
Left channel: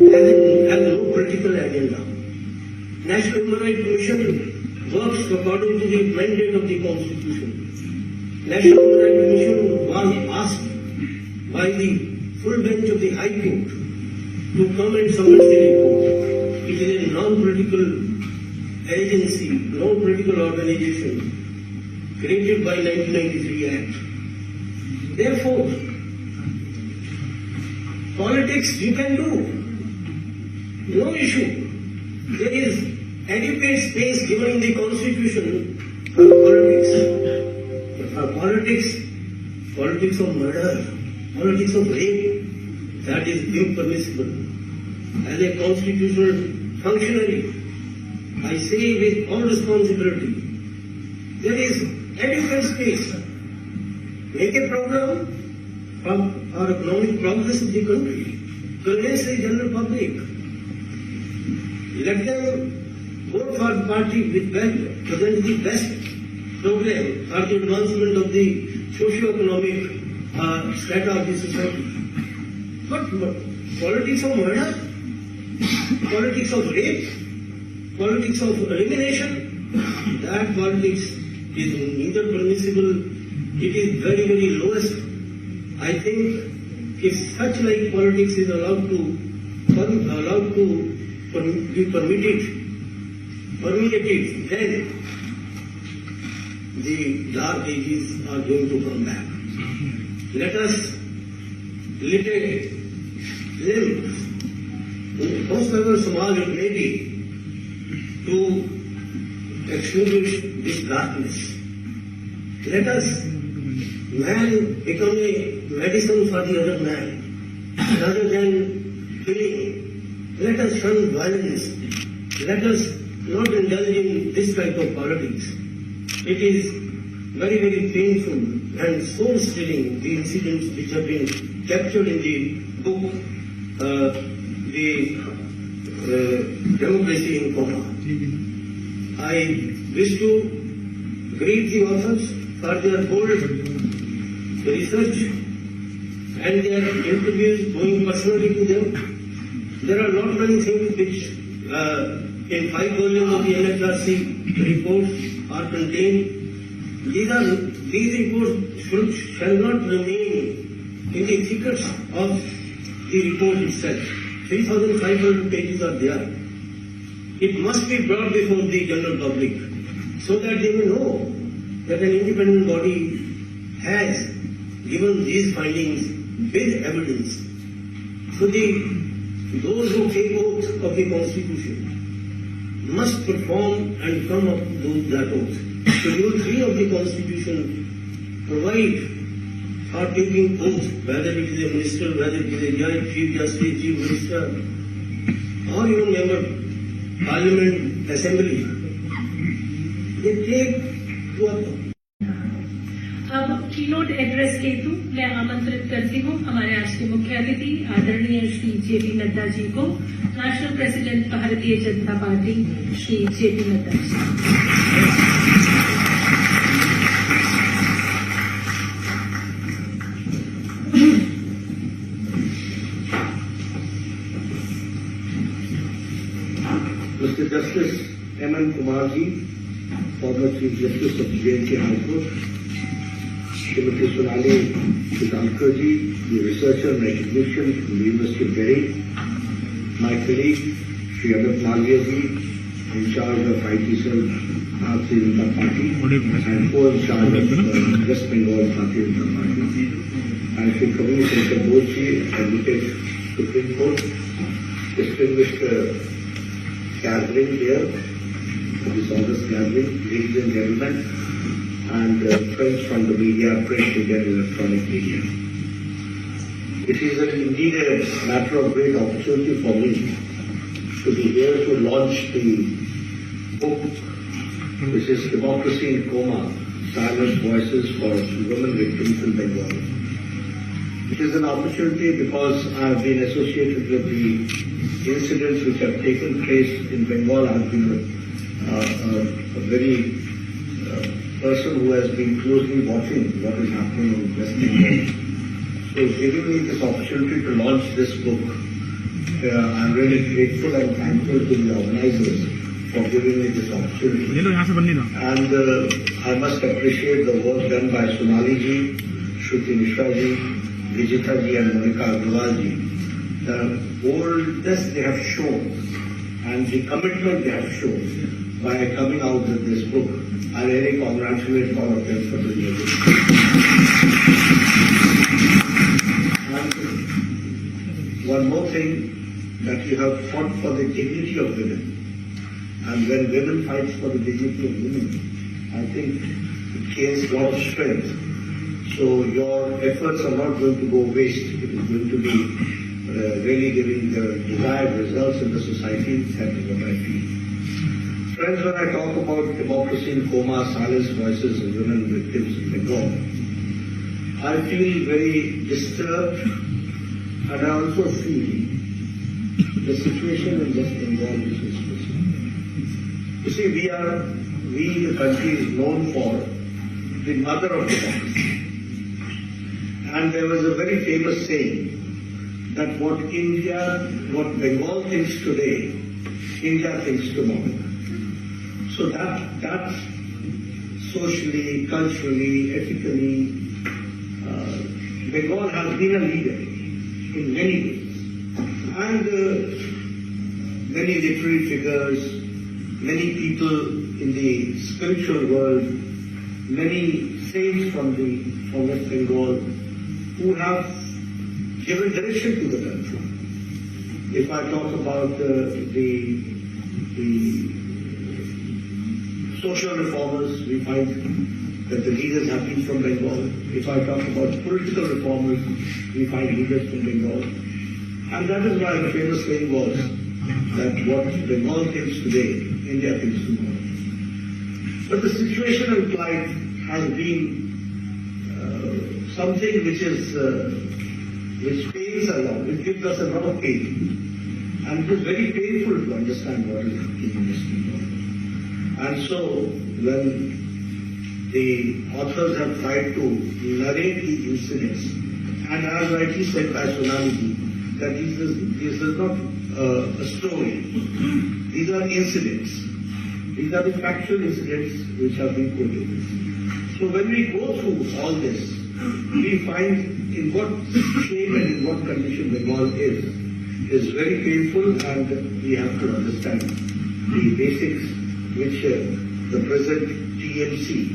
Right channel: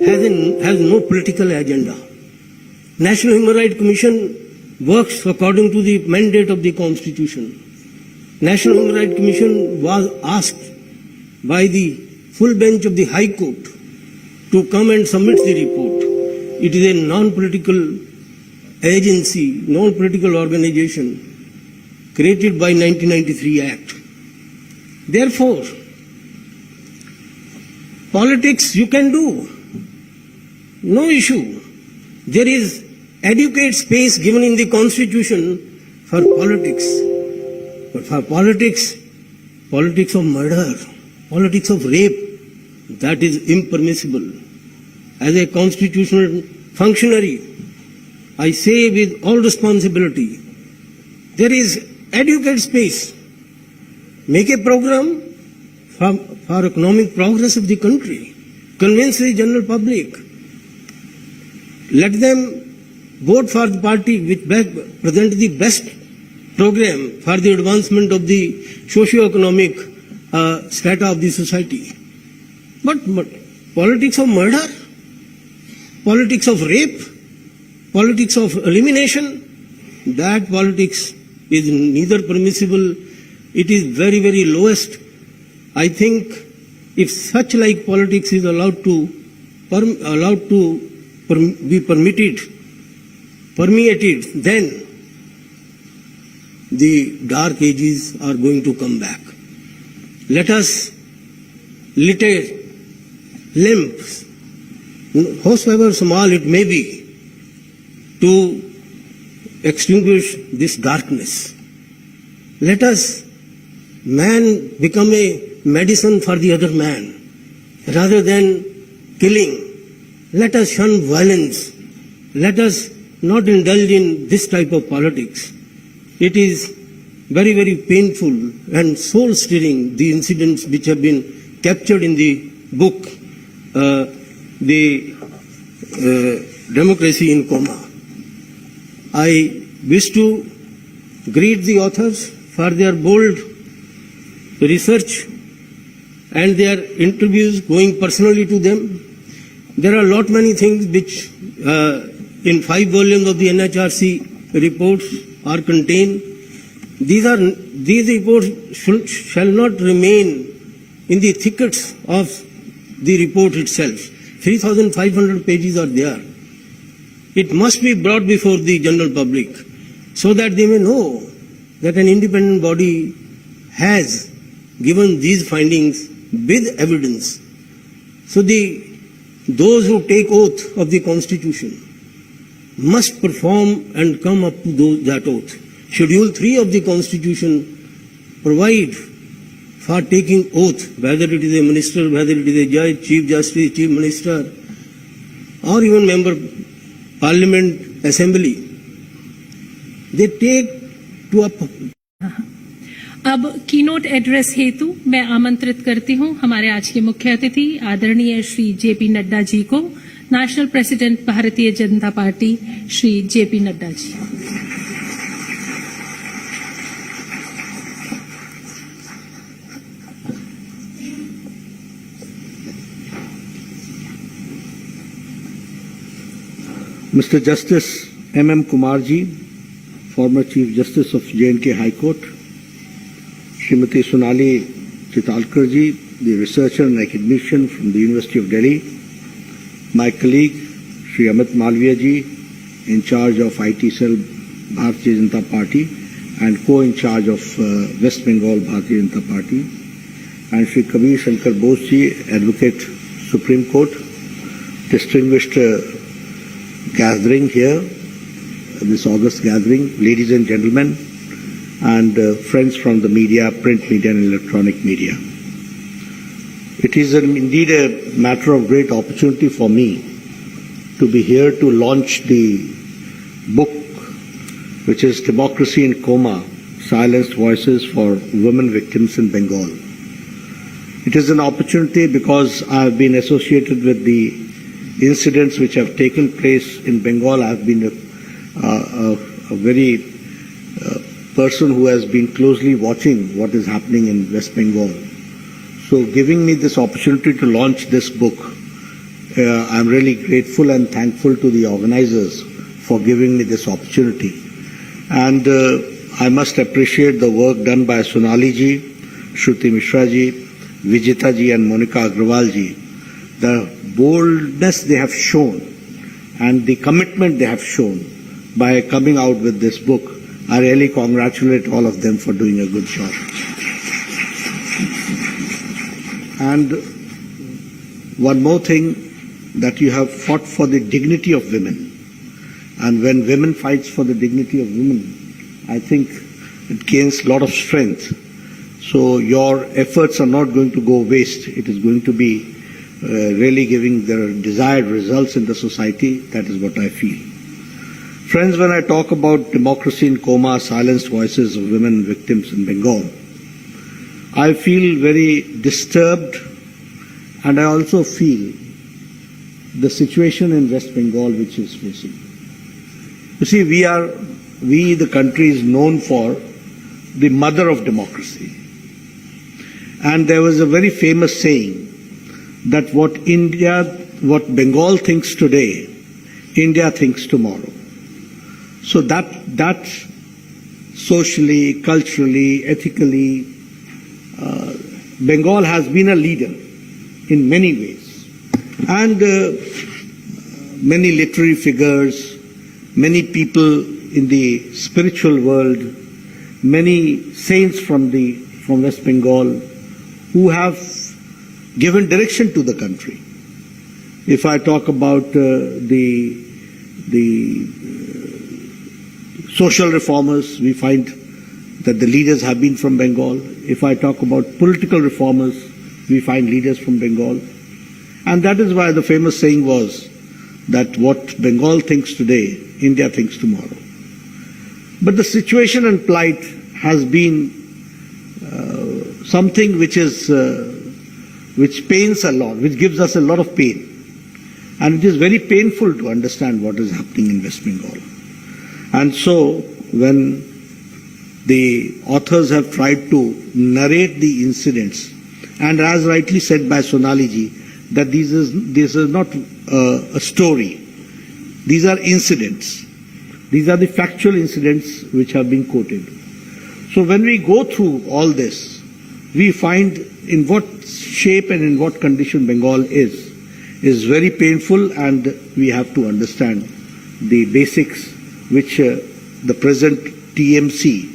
has no political agenda. National Human Rights Commission works according to the mandate of the Constitution. National Human Rights Commission was asked by the full bench of the High Court to come and submit the report. It is a non-political agency, non-political organization created by 1993 Act. Therefore, politics you can do, no issue. There is adequate space given in the Constitution for politics. But for politics of murder, politics of rape, that is impermissible. As a constitutional functionary, I say with all responsibility, there is adequate space. Make a program for economic progress of the country. Convince the general public. Let them vote for the party which presents the best program for the advancement of the socio-economic strata of the society. But politics of murder, politics of rape, politics of elimination, that politics is neither permissible, it is very, very lowest. I think if such like politics is allowed to be permeated, then the dark ages are going to come back. Let us lit a lamp, however small it may be, to extinguish this darkness. Let us, man, become a medicine for the other man, rather than killing. Let us shun violence. Let us not indulge in this type of politics. It is very, very painful and soul-stirring, the incidents which have been captured in the book, Democracy in Coma. I wish to greet the authors for their bold research and their interviews going personally to them. There are many things which in 5 volumes of the NHRC reports are contained. These reports shall not remain in the thickets of the report itself. 3,500 pages are there. It must be brought before the general public so that they may know that an independent body has given these findings with evidence. So those who take oath of the Constitution must perform and come up to that oath. Schedule 3 of the Constitution provide for taking oath, whether it is a minister, whether it is a judge, chief justice, chief minister, or even member parliament, assembly. They take to up. अब keynote address हेतु मैं आमंत्रित करती हूं हमारे आज के मुख्य अतिथि आदरणीय श्री जेपी नड्डा जी को, national president Bharatiya Janata party Shri JP Nadda ji. Mr. Justice M.M. Kumarji, former Chief Justice of J&K High Court, Srimati Sonali Chitalkarji, the researcher in recognition from the University of Delhi, my colleague Sri Amit Malviya ji, in charge of IT cell Bharatiya Janata Party and co-in charge of West Bengal Bharatiya Janata Party, and Sri Kabir Shankar Bose ji, Advocate Supreme Court, distinguished gathering here, this august gathering, ladies and gentlemen, and friends from the media, print media and electronic media. It is indeed a matter of great opportunity for me to be here to launch the book, which is Democracy in Coma, Silenced Voices for Women Victims in Bengal. It is an opportunity because I have been associated with the incidents which have taken place in Bengal. I have been a very person who has been closely watching what is happening in West Bengal. So giving me this opportunity to launch this book, I'm really grateful and thankful to the organizers for giving me this opportunity. And I must appreciate the work done by Sonali ji, Shruti Mishra ji, Vijita ji and Monica Agrawal ji. The boldness they have shown and the commitment they have shown by coming out with this book, I really congratulate all of them for doing a good job. And one more thing, that you have fought for the dignity of women. And when women fights for the dignity of women, I think it gains a lot of strength. So your efforts are not going to go waste. It is going to be really giving the desired results in the society. That is what I feel. Friends, when I talk about democracy in coma, silenced voices of women victims in Bengal, I feel very disturbed, and I also feel the situation in West Bengal which is facing. You see, we the country is known for the mother of democracy. And there was a very famous saying that what Bengal thinks today, India thinks tomorrow. So that socially, culturally, ethically, Bengal has been a leader in many ways. And many literary figures, many people in the spiritual world, many saints from West Bengal who have given direction to the country. If I talk about the social reformers, we find that the leaders have been from Bengal. If I talk about political reformers, we find leaders from Bengal. And that is why the famous saying was that what Bengal thinks today, India thinks tomorrow. But the situation and plight has been something which pains a lot, which gives us a lot of pain. And it is very painful to understand what is happening in West Bengal. And so when the authors have tried to narrate the incidents, and as rightly said by Sonali ji, that this is not a story. These are incidents. These are the factual incidents which have been quoted. So when we go through all this, we find in what shape and in what condition Bengal is very painful, and we have to understand the basics which the present TMC,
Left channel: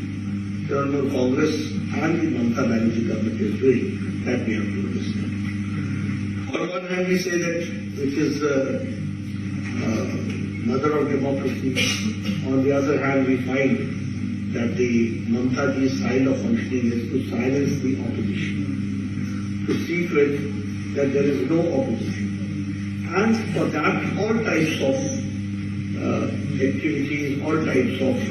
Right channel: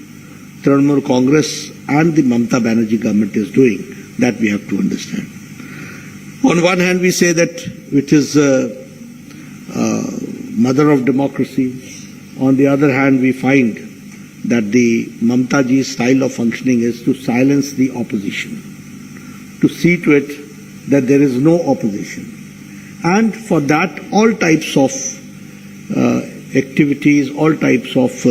Trinamool Congress, and the Mamata Banerjee government is doing, that we have to understand. On one hand, we say that it is mother of democracy. On the other hand, we find that the Mamata ji's style of functioning is to silence the opposition, to see to it that there is no opposition. And for that, all types of activities, all types of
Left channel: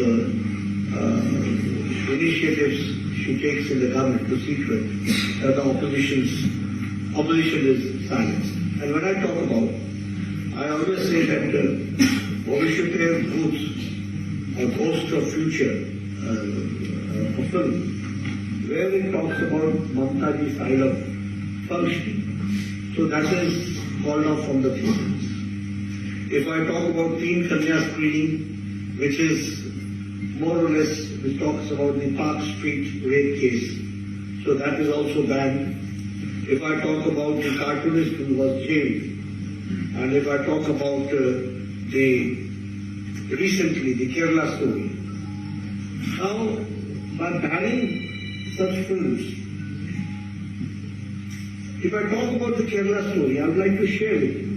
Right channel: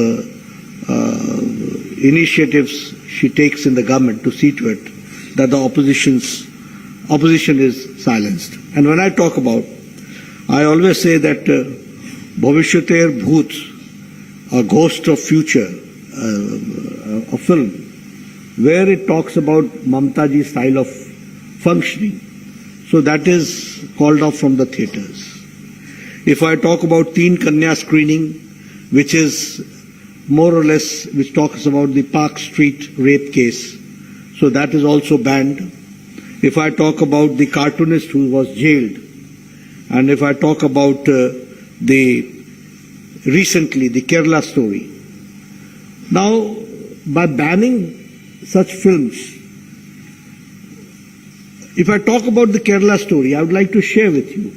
initiatives she takes in the government to see to it that the opposition is silenced. And when I talk about, I always say that Bhavishyater Bhoot, a ghost of future, a film, where it talks about Mamata ji's style of functioning. So that is called off from the theatres. If I talk about teen Kanya screening, which is more or less, which talks about the Park Street rape case, so that is also banned. If I talk about the cartoonist who was jailed, and if I talk about recently the Kerala story. Now, by banning such films, if I talk about the Kerala story, I would like to share with you.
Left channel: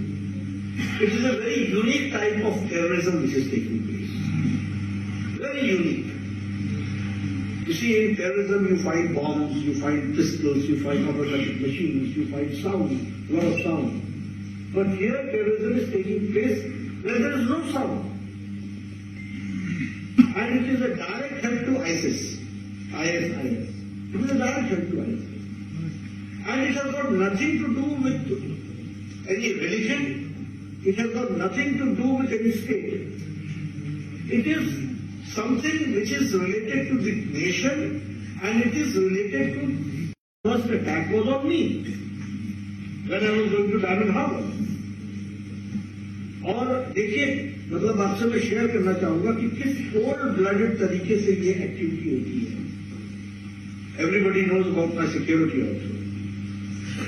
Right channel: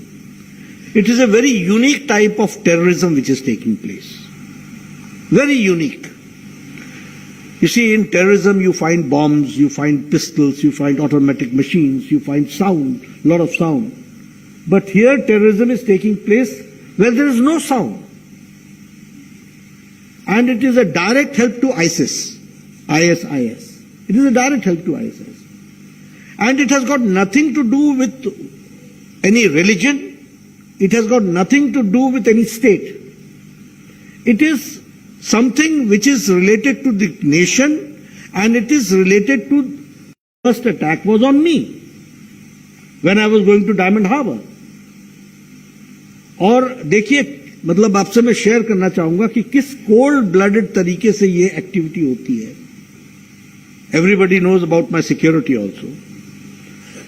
It is a very unique type of terrorism which is taking place. Very unique. You see, in terrorism you find bombs, you find pistols, you find automatic machines, you find sound, a lot of sound. But here terrorism is taking place where there is no sound. And it is a direct help to ISIS. ISIS. It is a direct help to ISIS. And it has got nothing to do with any religion. It has got nothing to do with any state. It is something which is related to the nation, and it is related to first attack was on me when I was going to Diamond Harbour. और देखिए, मतलब आपसे मैं share करना चाहूंगा कि किस cold blooded तरीके से ये एक्टिविटी होती है. Everybody knows about my security also.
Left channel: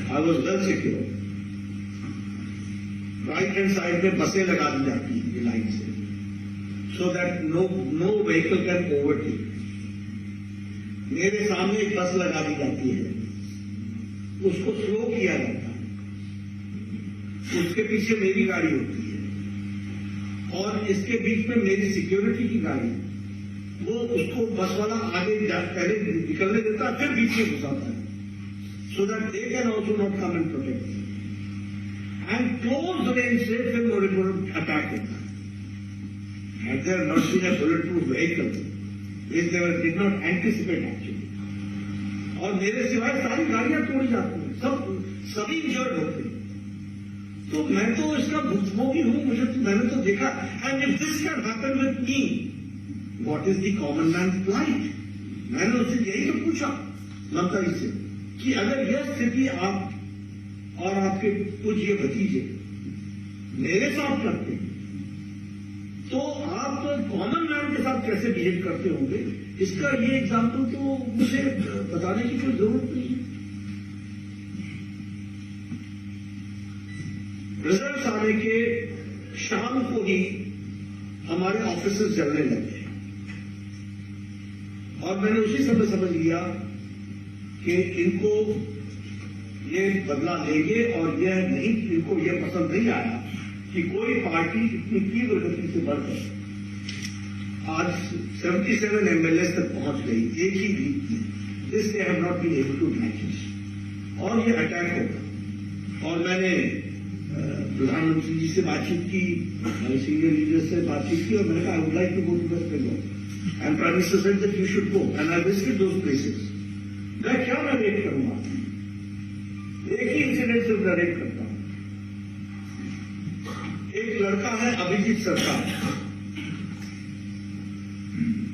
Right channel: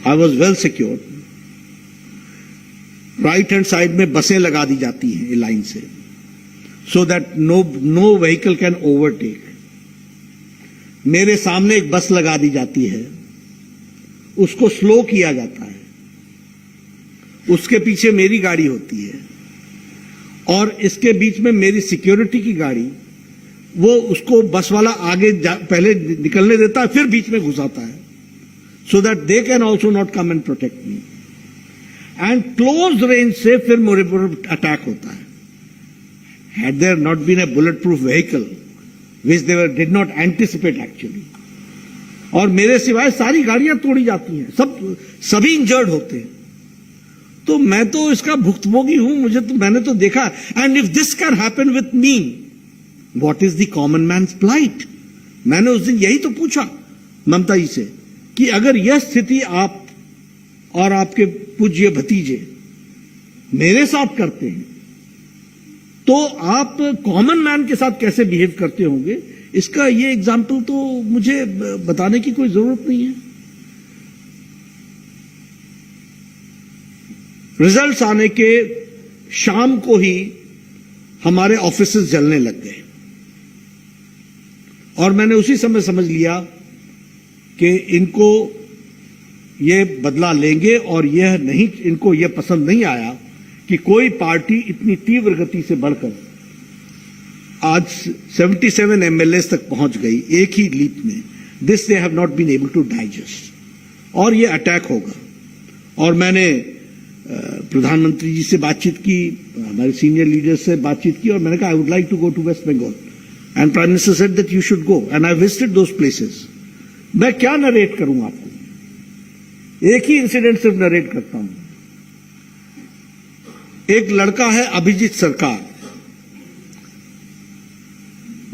I was well secured. Right hand side में बसें लगा दी जाती हैं ये लाइन से, so that no vehicle can overtake. मेरे सामने एक बस लगा दी जाती है, उसको स्लो किया जाता है, उसके पीछे मेरी गाड़ी होती है, और इसके बीच में मेरी सिक्योरिटी की गाड़ी, वो उसको बस वाला आगे पहले निकलने देता है, फिर बीच में घुसाता है, so that they can also not come and protect me. And close range से फिर मेरे पर अटैक होता है. Had there not been a bullet proof vehicle which they did not anticipate actually, और मेरे सिवाय सारी गाड़ियां तोड़ी जाती हैं, सभी इंजर्ड होते हैं. तो मैं तो इसका भुक्तभोगी हूं, मैंने तो देखा. And if this can happen with me, what is the common man's plight. मैंने उस दिन यही तो पूछा ममता जी से कि अगर यह स्थिति आप और आपके पूज्य भतीजे मेरे साथ करते हैं, तो आप कॉमन मैन के साथ कैसे बिहेव करते होंगे. इसका ये एग्जाम्पल तो मुझे बताने की कोई जरूरत नहीं है. रिजल्ट्स आने के शाम को ही हमारे ऑफिसेस जलने लग गए, और मैंने उसी समय समझ लिया कि इनको ये बदला लेंगे, और यह नहीं, इनको यह पसंद नहीं आया कि कोई पार्टी इतनी तीव्र गति से बढ़कर आज 77 एमएलए तक पहुंच गई एक ही लीप में. This they have not been able to digest, और ये अटैक होगा. और मैंने प्रधानमंत्री जी से बातचीत की, हमारे सीनियर लीडर्स से बातचीत की, और मैंने कहा I would like to go to west Bengal, and prime minister said that you should go, and I visited those places. मैं क्या नरेट करूं आपको, एक ही इंसिडेंट सिर्फ नरेट करता हूं. एक लड़का है अभिजीत सरकार,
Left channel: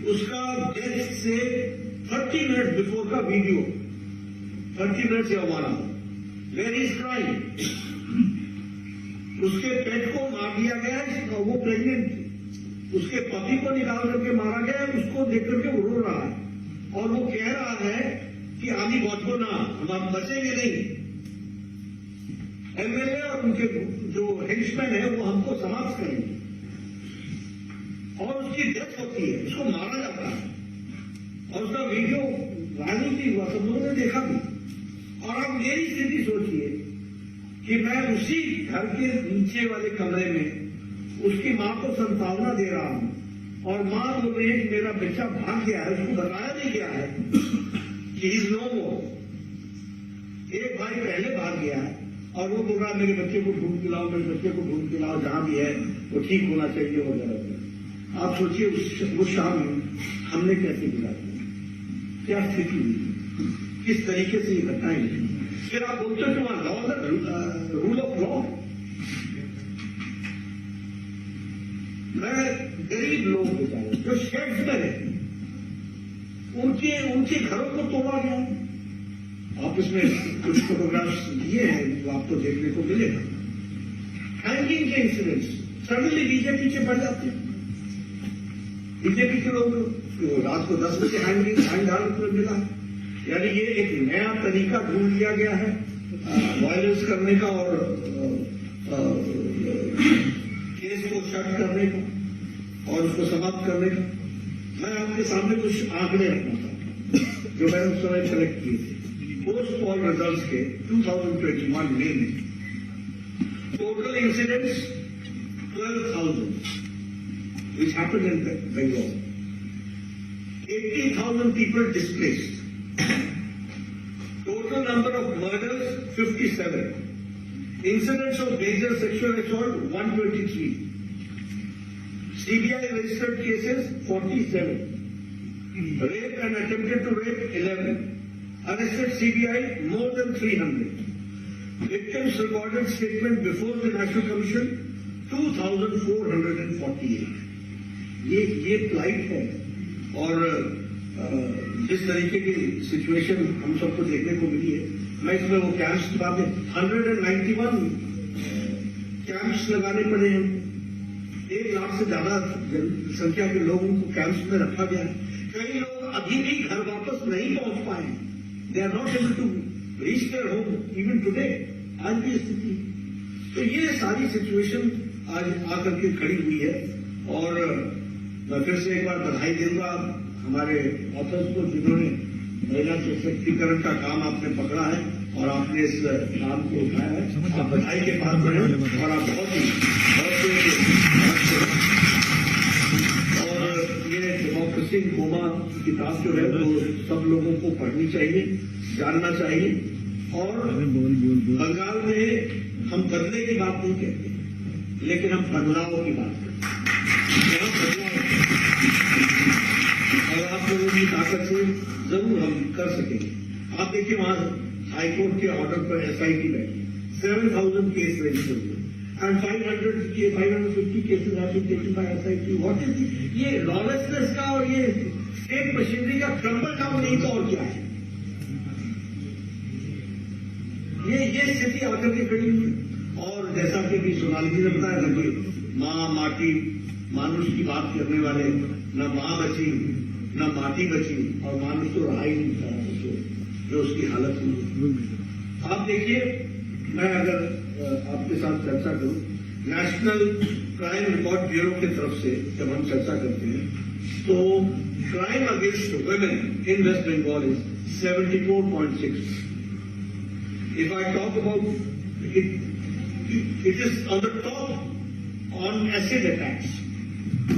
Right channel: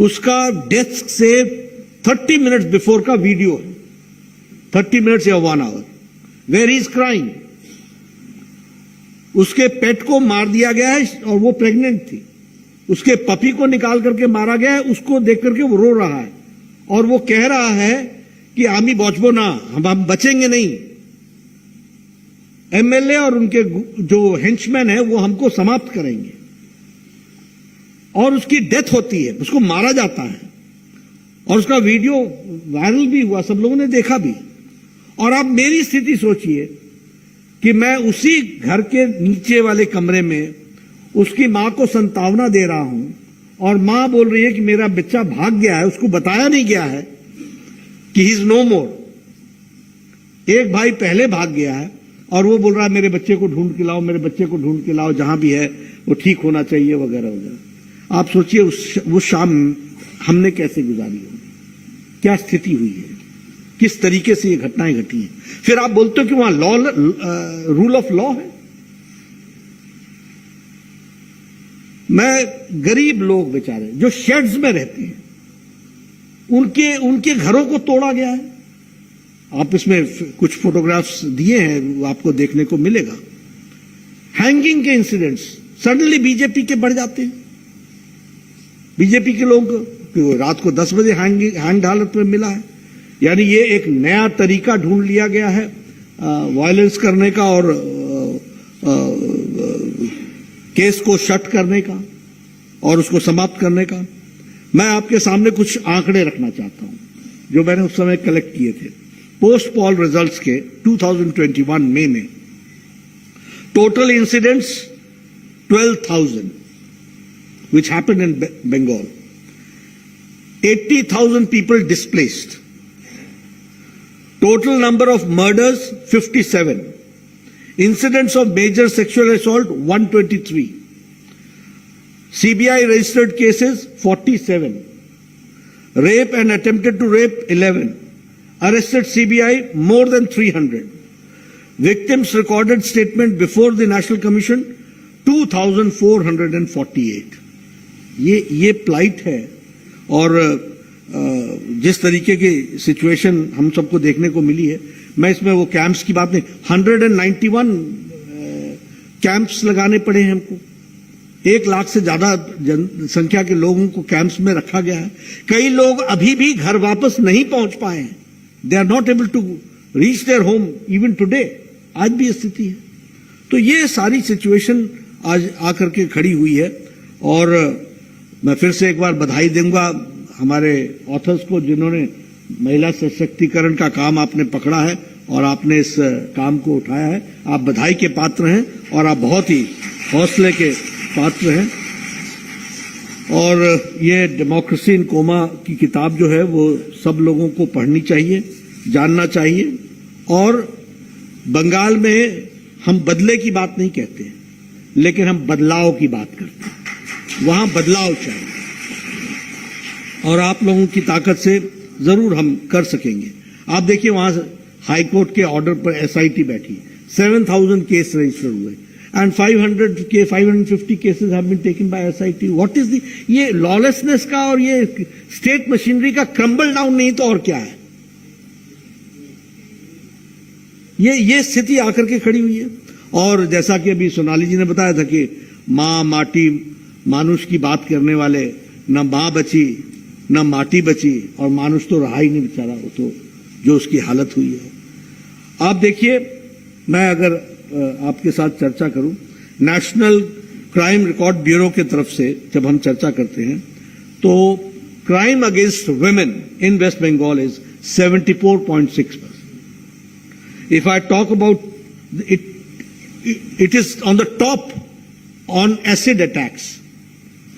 उसका डेस्क से 30 मिनट्स बिफोर का वीडियो, 30 मिनट्स या 1 hour, where he is crying. उसके पेट को मार दिया गया है, और वो प्रेग्नेंट थी. उसके पपी को निकाल करके मारा गया है, उसको देख करके वो रो रहा है, और वो कह रहा है कि आमी बचबो ना, हम बचेंगे नहीं. एमएलए और उनके जो हेंचमैन है वो हमको समाप्त करेंगे. और उसकी डेथ होती है, उसको मारा जाता है, और उसका वीडियो वायरल भी हुआ, सब लोगों ने देखा भी. और आप मेरी स्थिति सोचिए कि मैं उसी घर के नीचे वाले कमरे में उसकी मां को संतावना दे रहा हूं, और मां बोल रही है कि मेरा बच्चा भाग गया है, उसको बताया नहीं गया है कि ही इज नो मोर. एक भाई पहले भाग गया है, और वो बोल रहा है मेरे बच्चे को ढूंढ के लाओ, मेरे बच्चे को ढूंढ के लाओ, जहां भी है वो ठीक होना चाहिए, वगैरह वगैरह. आप सोचिए वो शाम हमने कैसे गुजारी होगी, क्या स्थिति हुई है, किस तरीके से ये घटनाएं घटी हैं. फिर आप बोलते हो कि वहां रूल ऑफ लॉ है. मैं गरीब लोग बेचारे जो शेड्स में रहते हैं, उनके घरों को तोड़ा गया है. आप इसमें कुछ फोटोग्राफ्स दिए हैं, वो आपको देखने को मिलेगा. हैंगिंग के इंसिडेंट्स सडनली बीजेपी के बढ़ जाते हैं। बीजेपी के लोग रात को 10 बजे हैंग हालत में मिला है। यानी ये एक नया तरीका ढूंढ लिया गया है वायलेंस करने का और केस को शट करने का और उसको समाप्त करने का। मैं आपके सामने कुछ आंकड़े रखना चाहता हूं जो मैंने उस समय कलेक्ट किए थे। पोस्ट पोल रिजल्ट्स के 2021 मई में total incidents 12,000 which happened in Bengal. 80,000 people displaced. Total number of murders 57. Incidents of major sexual assault 123. CBI registered cases 47. Rape and attempted to rape 11. Arrested CBI more than 300. Victims recorded statement before the National Commission 2,448. ये plight है। और जिस तरीके की situation हम सबको देखने को मिली है, मैं इसमें वो कैंप्स की बात नहीं, 191 कैंप्स लगाने पड़े हैं हमको। 1 लाख से ज्यादा जनसंख्या के लोगों को कैंप्स में रखा गया है। कई लोग अभी भी घर वापस नहीं पहुंच पाए हैं। They are not able to reach their home even today. आज भी स्थिति है। तो ये सारी सिचुएशन आज आकर के खड़ी हुई है। और मैं फिर से एक बार बधाई दूंगा हमारे ऑथर्स को, जिन्होंने महिला सशक्तिकरण का काम आपने पकड़ा है और आपने इस काम को उठाया है। आप बधाई के पात्र हैं और आप बहुत ही हौसले के पात्र हैं। और ये डेमोक्रेसी इन कोमा की किताब जो है वो सब लोगों को पढ़नी चाहिए, जानना चाहिए। और बंगाल में हम बदले की बात नहीं कहते, लेकिन हम बदलाव की बात करते हैं। वहां बदलाव चाहिए और आप लोगों की ताकत से जरूर हम कर सकेंगे। आप देखिए वहां हाई कोर्ट के ऑर्डर पर एसआईटी बैठी, 7,000 केस रजिस्टर हुए and 550 cases have been taken by SIT. What is the ये लॉलेसनेस का और ये स्टेट मशीनरी का क्रम्बल डाउन नहीं तो और क्या है। ये स्थिति आकर के खड़ी हुई है। और जैसा कि अभी सोनाली जी ने बताया था कि माँ माटी मानुष की बात करने वाले, न माँ बची न माटी बची और मानुष तो रहा ही नहीं बेचारा, तो जो उसकी हालत हुई है। आप देखिए, मैं अगर आपके साथ चर्चा करूं, नेशनल क्राइम रिकॉर्ड ब्यूरो की तरफ से जब हम चर्चा करते हैं तो crime against women in west Bengal is 74.6%. If I talk about it, it is on the top on acid attacks.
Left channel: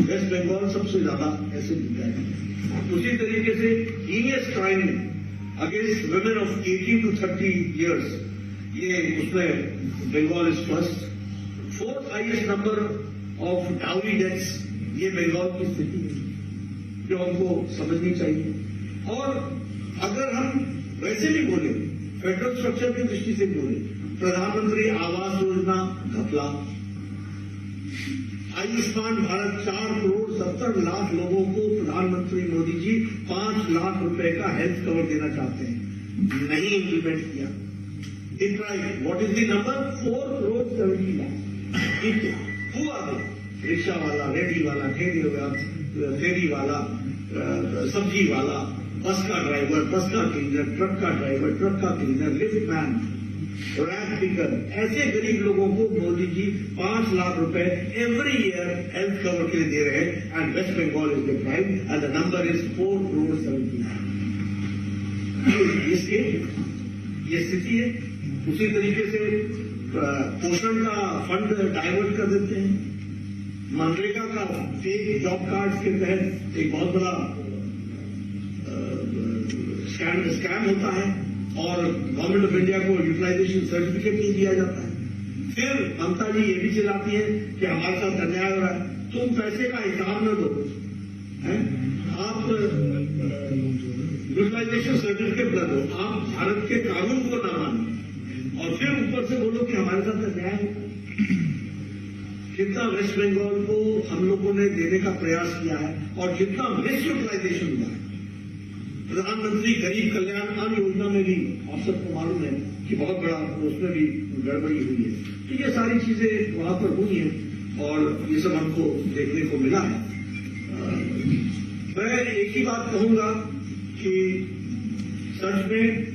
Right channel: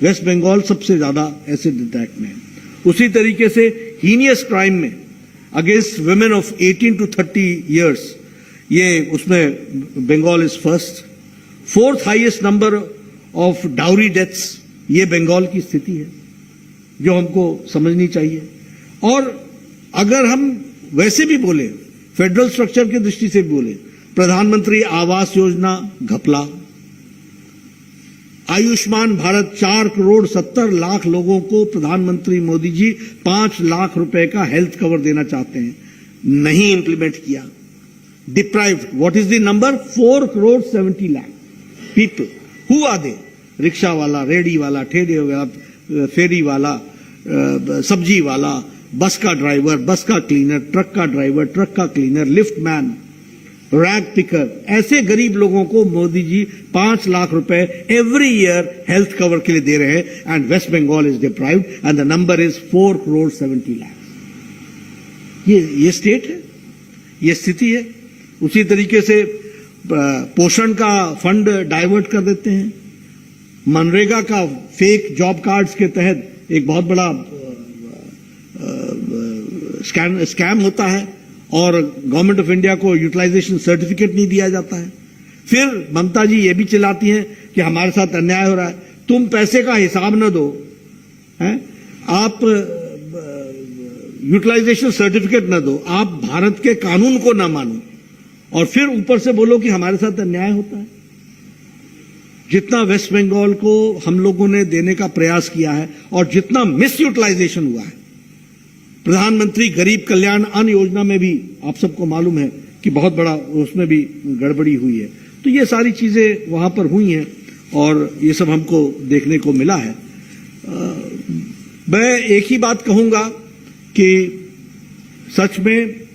West Bengal सबसे ज्यादा एसिड अटैक में। उसी तरीके से हीनियस क्राइम में against women of 18 to 30 years, ये उसमें Bengal is first. 4th highest number of dowry deaths, ये बंगाल की स्थिति है जो हमको समझनी चाहिए। और अगर हम वैसे भी बोले, फेडरल स्ट्रक्चर की दृष्टि से भी बोले, प्रधानमंत्री आवास योजना घपला, आयुष्मान भारत 4,70,00,000 लोगों को प्रधानमंत्री मोदी जी 5 लाख रुपए का हेल्थ कवर देना चाहते हैं, नहीं इंप्लीमेंट किया। Deprived, what is the number? 4,70,00,000 people. Who are they? Rickshaw वाला, रेडी वाला, ठेले वाला, फेरी वाला, सब्जी वाला, बस का ड्राइवर, बस का क्लीनर, ट्रक का ड्राइवर, ट्रक का cleaner, lift man, rag picker, ऐसे गरीब लोगों को मोदी जी 5 लाख रुपए एवरी ईयर हेल्थ कवर के लिए दे रहे हैं। And west Bengal is deprived and the number is 4,70,00,000। ये स्टेट है, ये स्थिति है। उसी तरीके से पोषण का फंड डाइवर्ट कर देते हैं। मनरेगा का फेक जॉब कार्ड्स के तहत एक बहुत बड़ा स्कैम होता है और गवर्नमेंट ऑफ इंडिया को यूटिलाइजेशन सर्टिफिकेट नहीं दिया जाता है। फिर ममता जी ये भी चिल्लाती हैं कि हमारे साथ अन्याय हो रहा है। तुम पैसे का हिसाब न दो, हैं? आप यूटिलाइजेशन सर्टिफिकेट न दो, आप भारत के कानून को ना मानो और फिर ऊपर से बोलो कि हमारे साथ अन्याय होता है। जितना वेस्ट बंगाल को हम लोगों ने देने का प्रयास किया है और जितना मिस यूटिलाइजेशन हुआ है, प्रधानमंत्री गरीब कल्याण अन्न योजना में भी आप सबको मालूम है कि बहुत बड़ा उसमें भी गड़बड़ी हुई है। तो ये सारी चीजें वहां पर हुई हैं और ये सब हमको देखने को मिला है। मैं एक ही बात कहूंगा कि सच में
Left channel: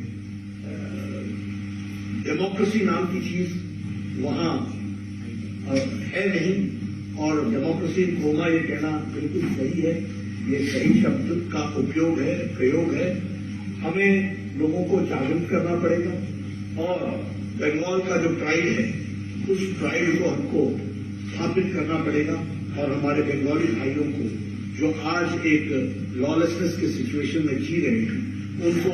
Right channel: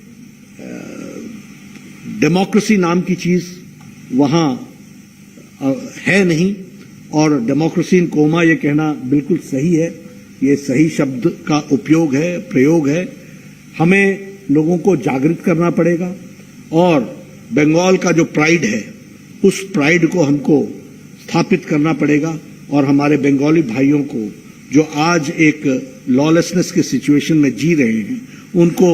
डेमोक्रेसी नाम की चीज वहां है नहीं, और डेमोक्रेसी इन कोमा ये कहना बिल्कुल सही है, ये सही शब्द का उपयोग है, प्रयोग है। हमें लोगों को जागृत करना पड़ेगा और बंगाल का जो प्राइड है उस प्राइड को हमको स्थापित करना पड़ेगा, और हमारे बंगाली भाइयों को जो आज एक लॉलेसनेस के सिचुएशन में जी रहे हैं उनको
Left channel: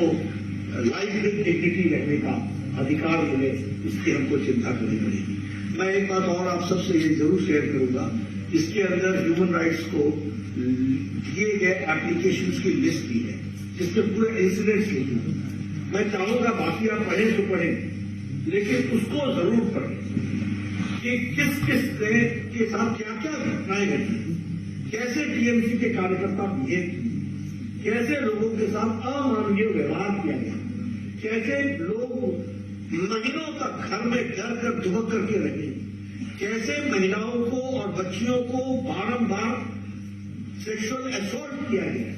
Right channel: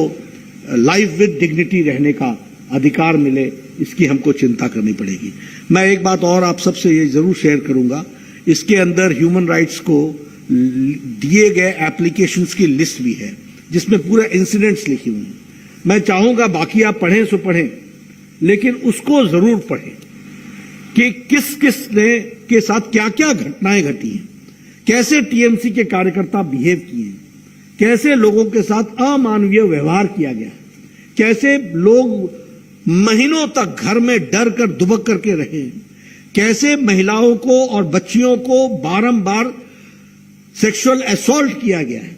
लाइफ विद डिग्निटी रहने का अधिकार मिले, इसकी हमको चिंता करनी पड़ेगी। मैं एक बात और आप सबसे ये जरूर शेयर करूंगा, इसके अंदर ह्यूमन राइट्स को दिए गए एप्लीकेशंस की लिस्ट भी है जिसमें पूरे इंसिडेंट्स लिखी हुई। मैं चाहूंगा बाकी आप पढ़ें सो पढ़ें, लेकिन उसको जरूर पढ़ें कि किस किस ने के साथ क्या क्या घटनाएं घटी हैं, कैसे टीएमसी के कार्यकर्ता बिहेव किए, कैसे लोगों के साथ अमानवीय व्यवहार किया गया, कैसे लोग महीनों तक घर में डर कर दुबक करके रहे, कैसे महिलाओं को और बच्चियों को बारंबार सेक्सुअल असॉल्ट किया गया है,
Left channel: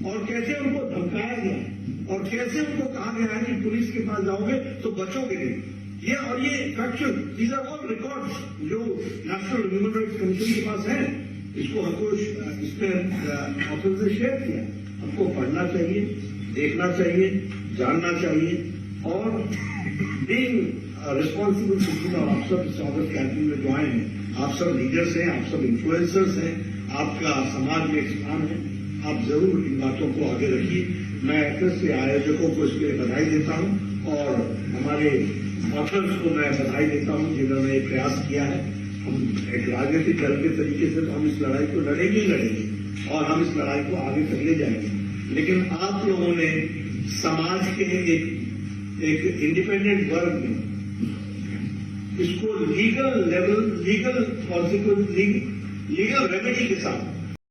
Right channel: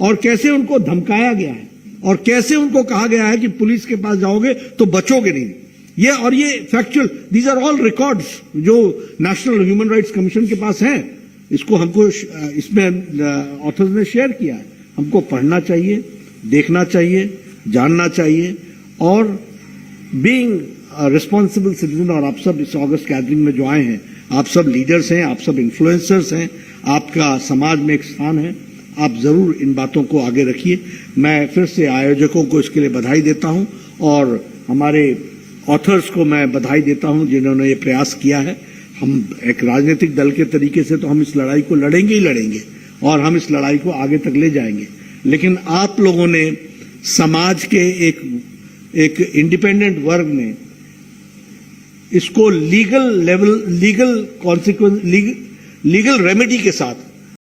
और कैसे उनको धमकाया गया है, और कैसे उनको कहा गया है कि पुलिस के पास जाओगे तो बचोगे नहीं। ये factual, these are all records जो नेशनल ह्यूमन राइट्स कमीशन के पास हैं। इसको हमको इसमें ऑथर्स ने शेयर किया है। हमको पढ़ना चाहिए, देखना चाहिए, जानना चाहिए, और बीइंग रिस्पॉन्सिबल सिटीजन। और आप सब इस ऑगस्ट गैदरिंग में जो आए हैं, आप सब लीडर्स हैं, आप सब इन्फ्लुएंसर्स हैं, आपका समाज में एक स्थान है, आप जरूर इन बातों को आगे रखिए। मैं फिर से आयोजकों को इसके लिए बधाई देता हूं, और हमारे ऑथर्स को मैं बधाई देता हूं जिन्होंने ये प्रयास किया है। हम एक राजनीतिक दल के तरीके से तो हम इस लड़ाई को लड़ेंगे ही लड़ेंगे, और हम इस लड़ाई को आगे तक ले जाएंगे, लेकिन आप लोगों ने, समाज के एक इंडिपेंडेंट वर्ग ने इसको legal level, legal consequence, legal remedy के साथ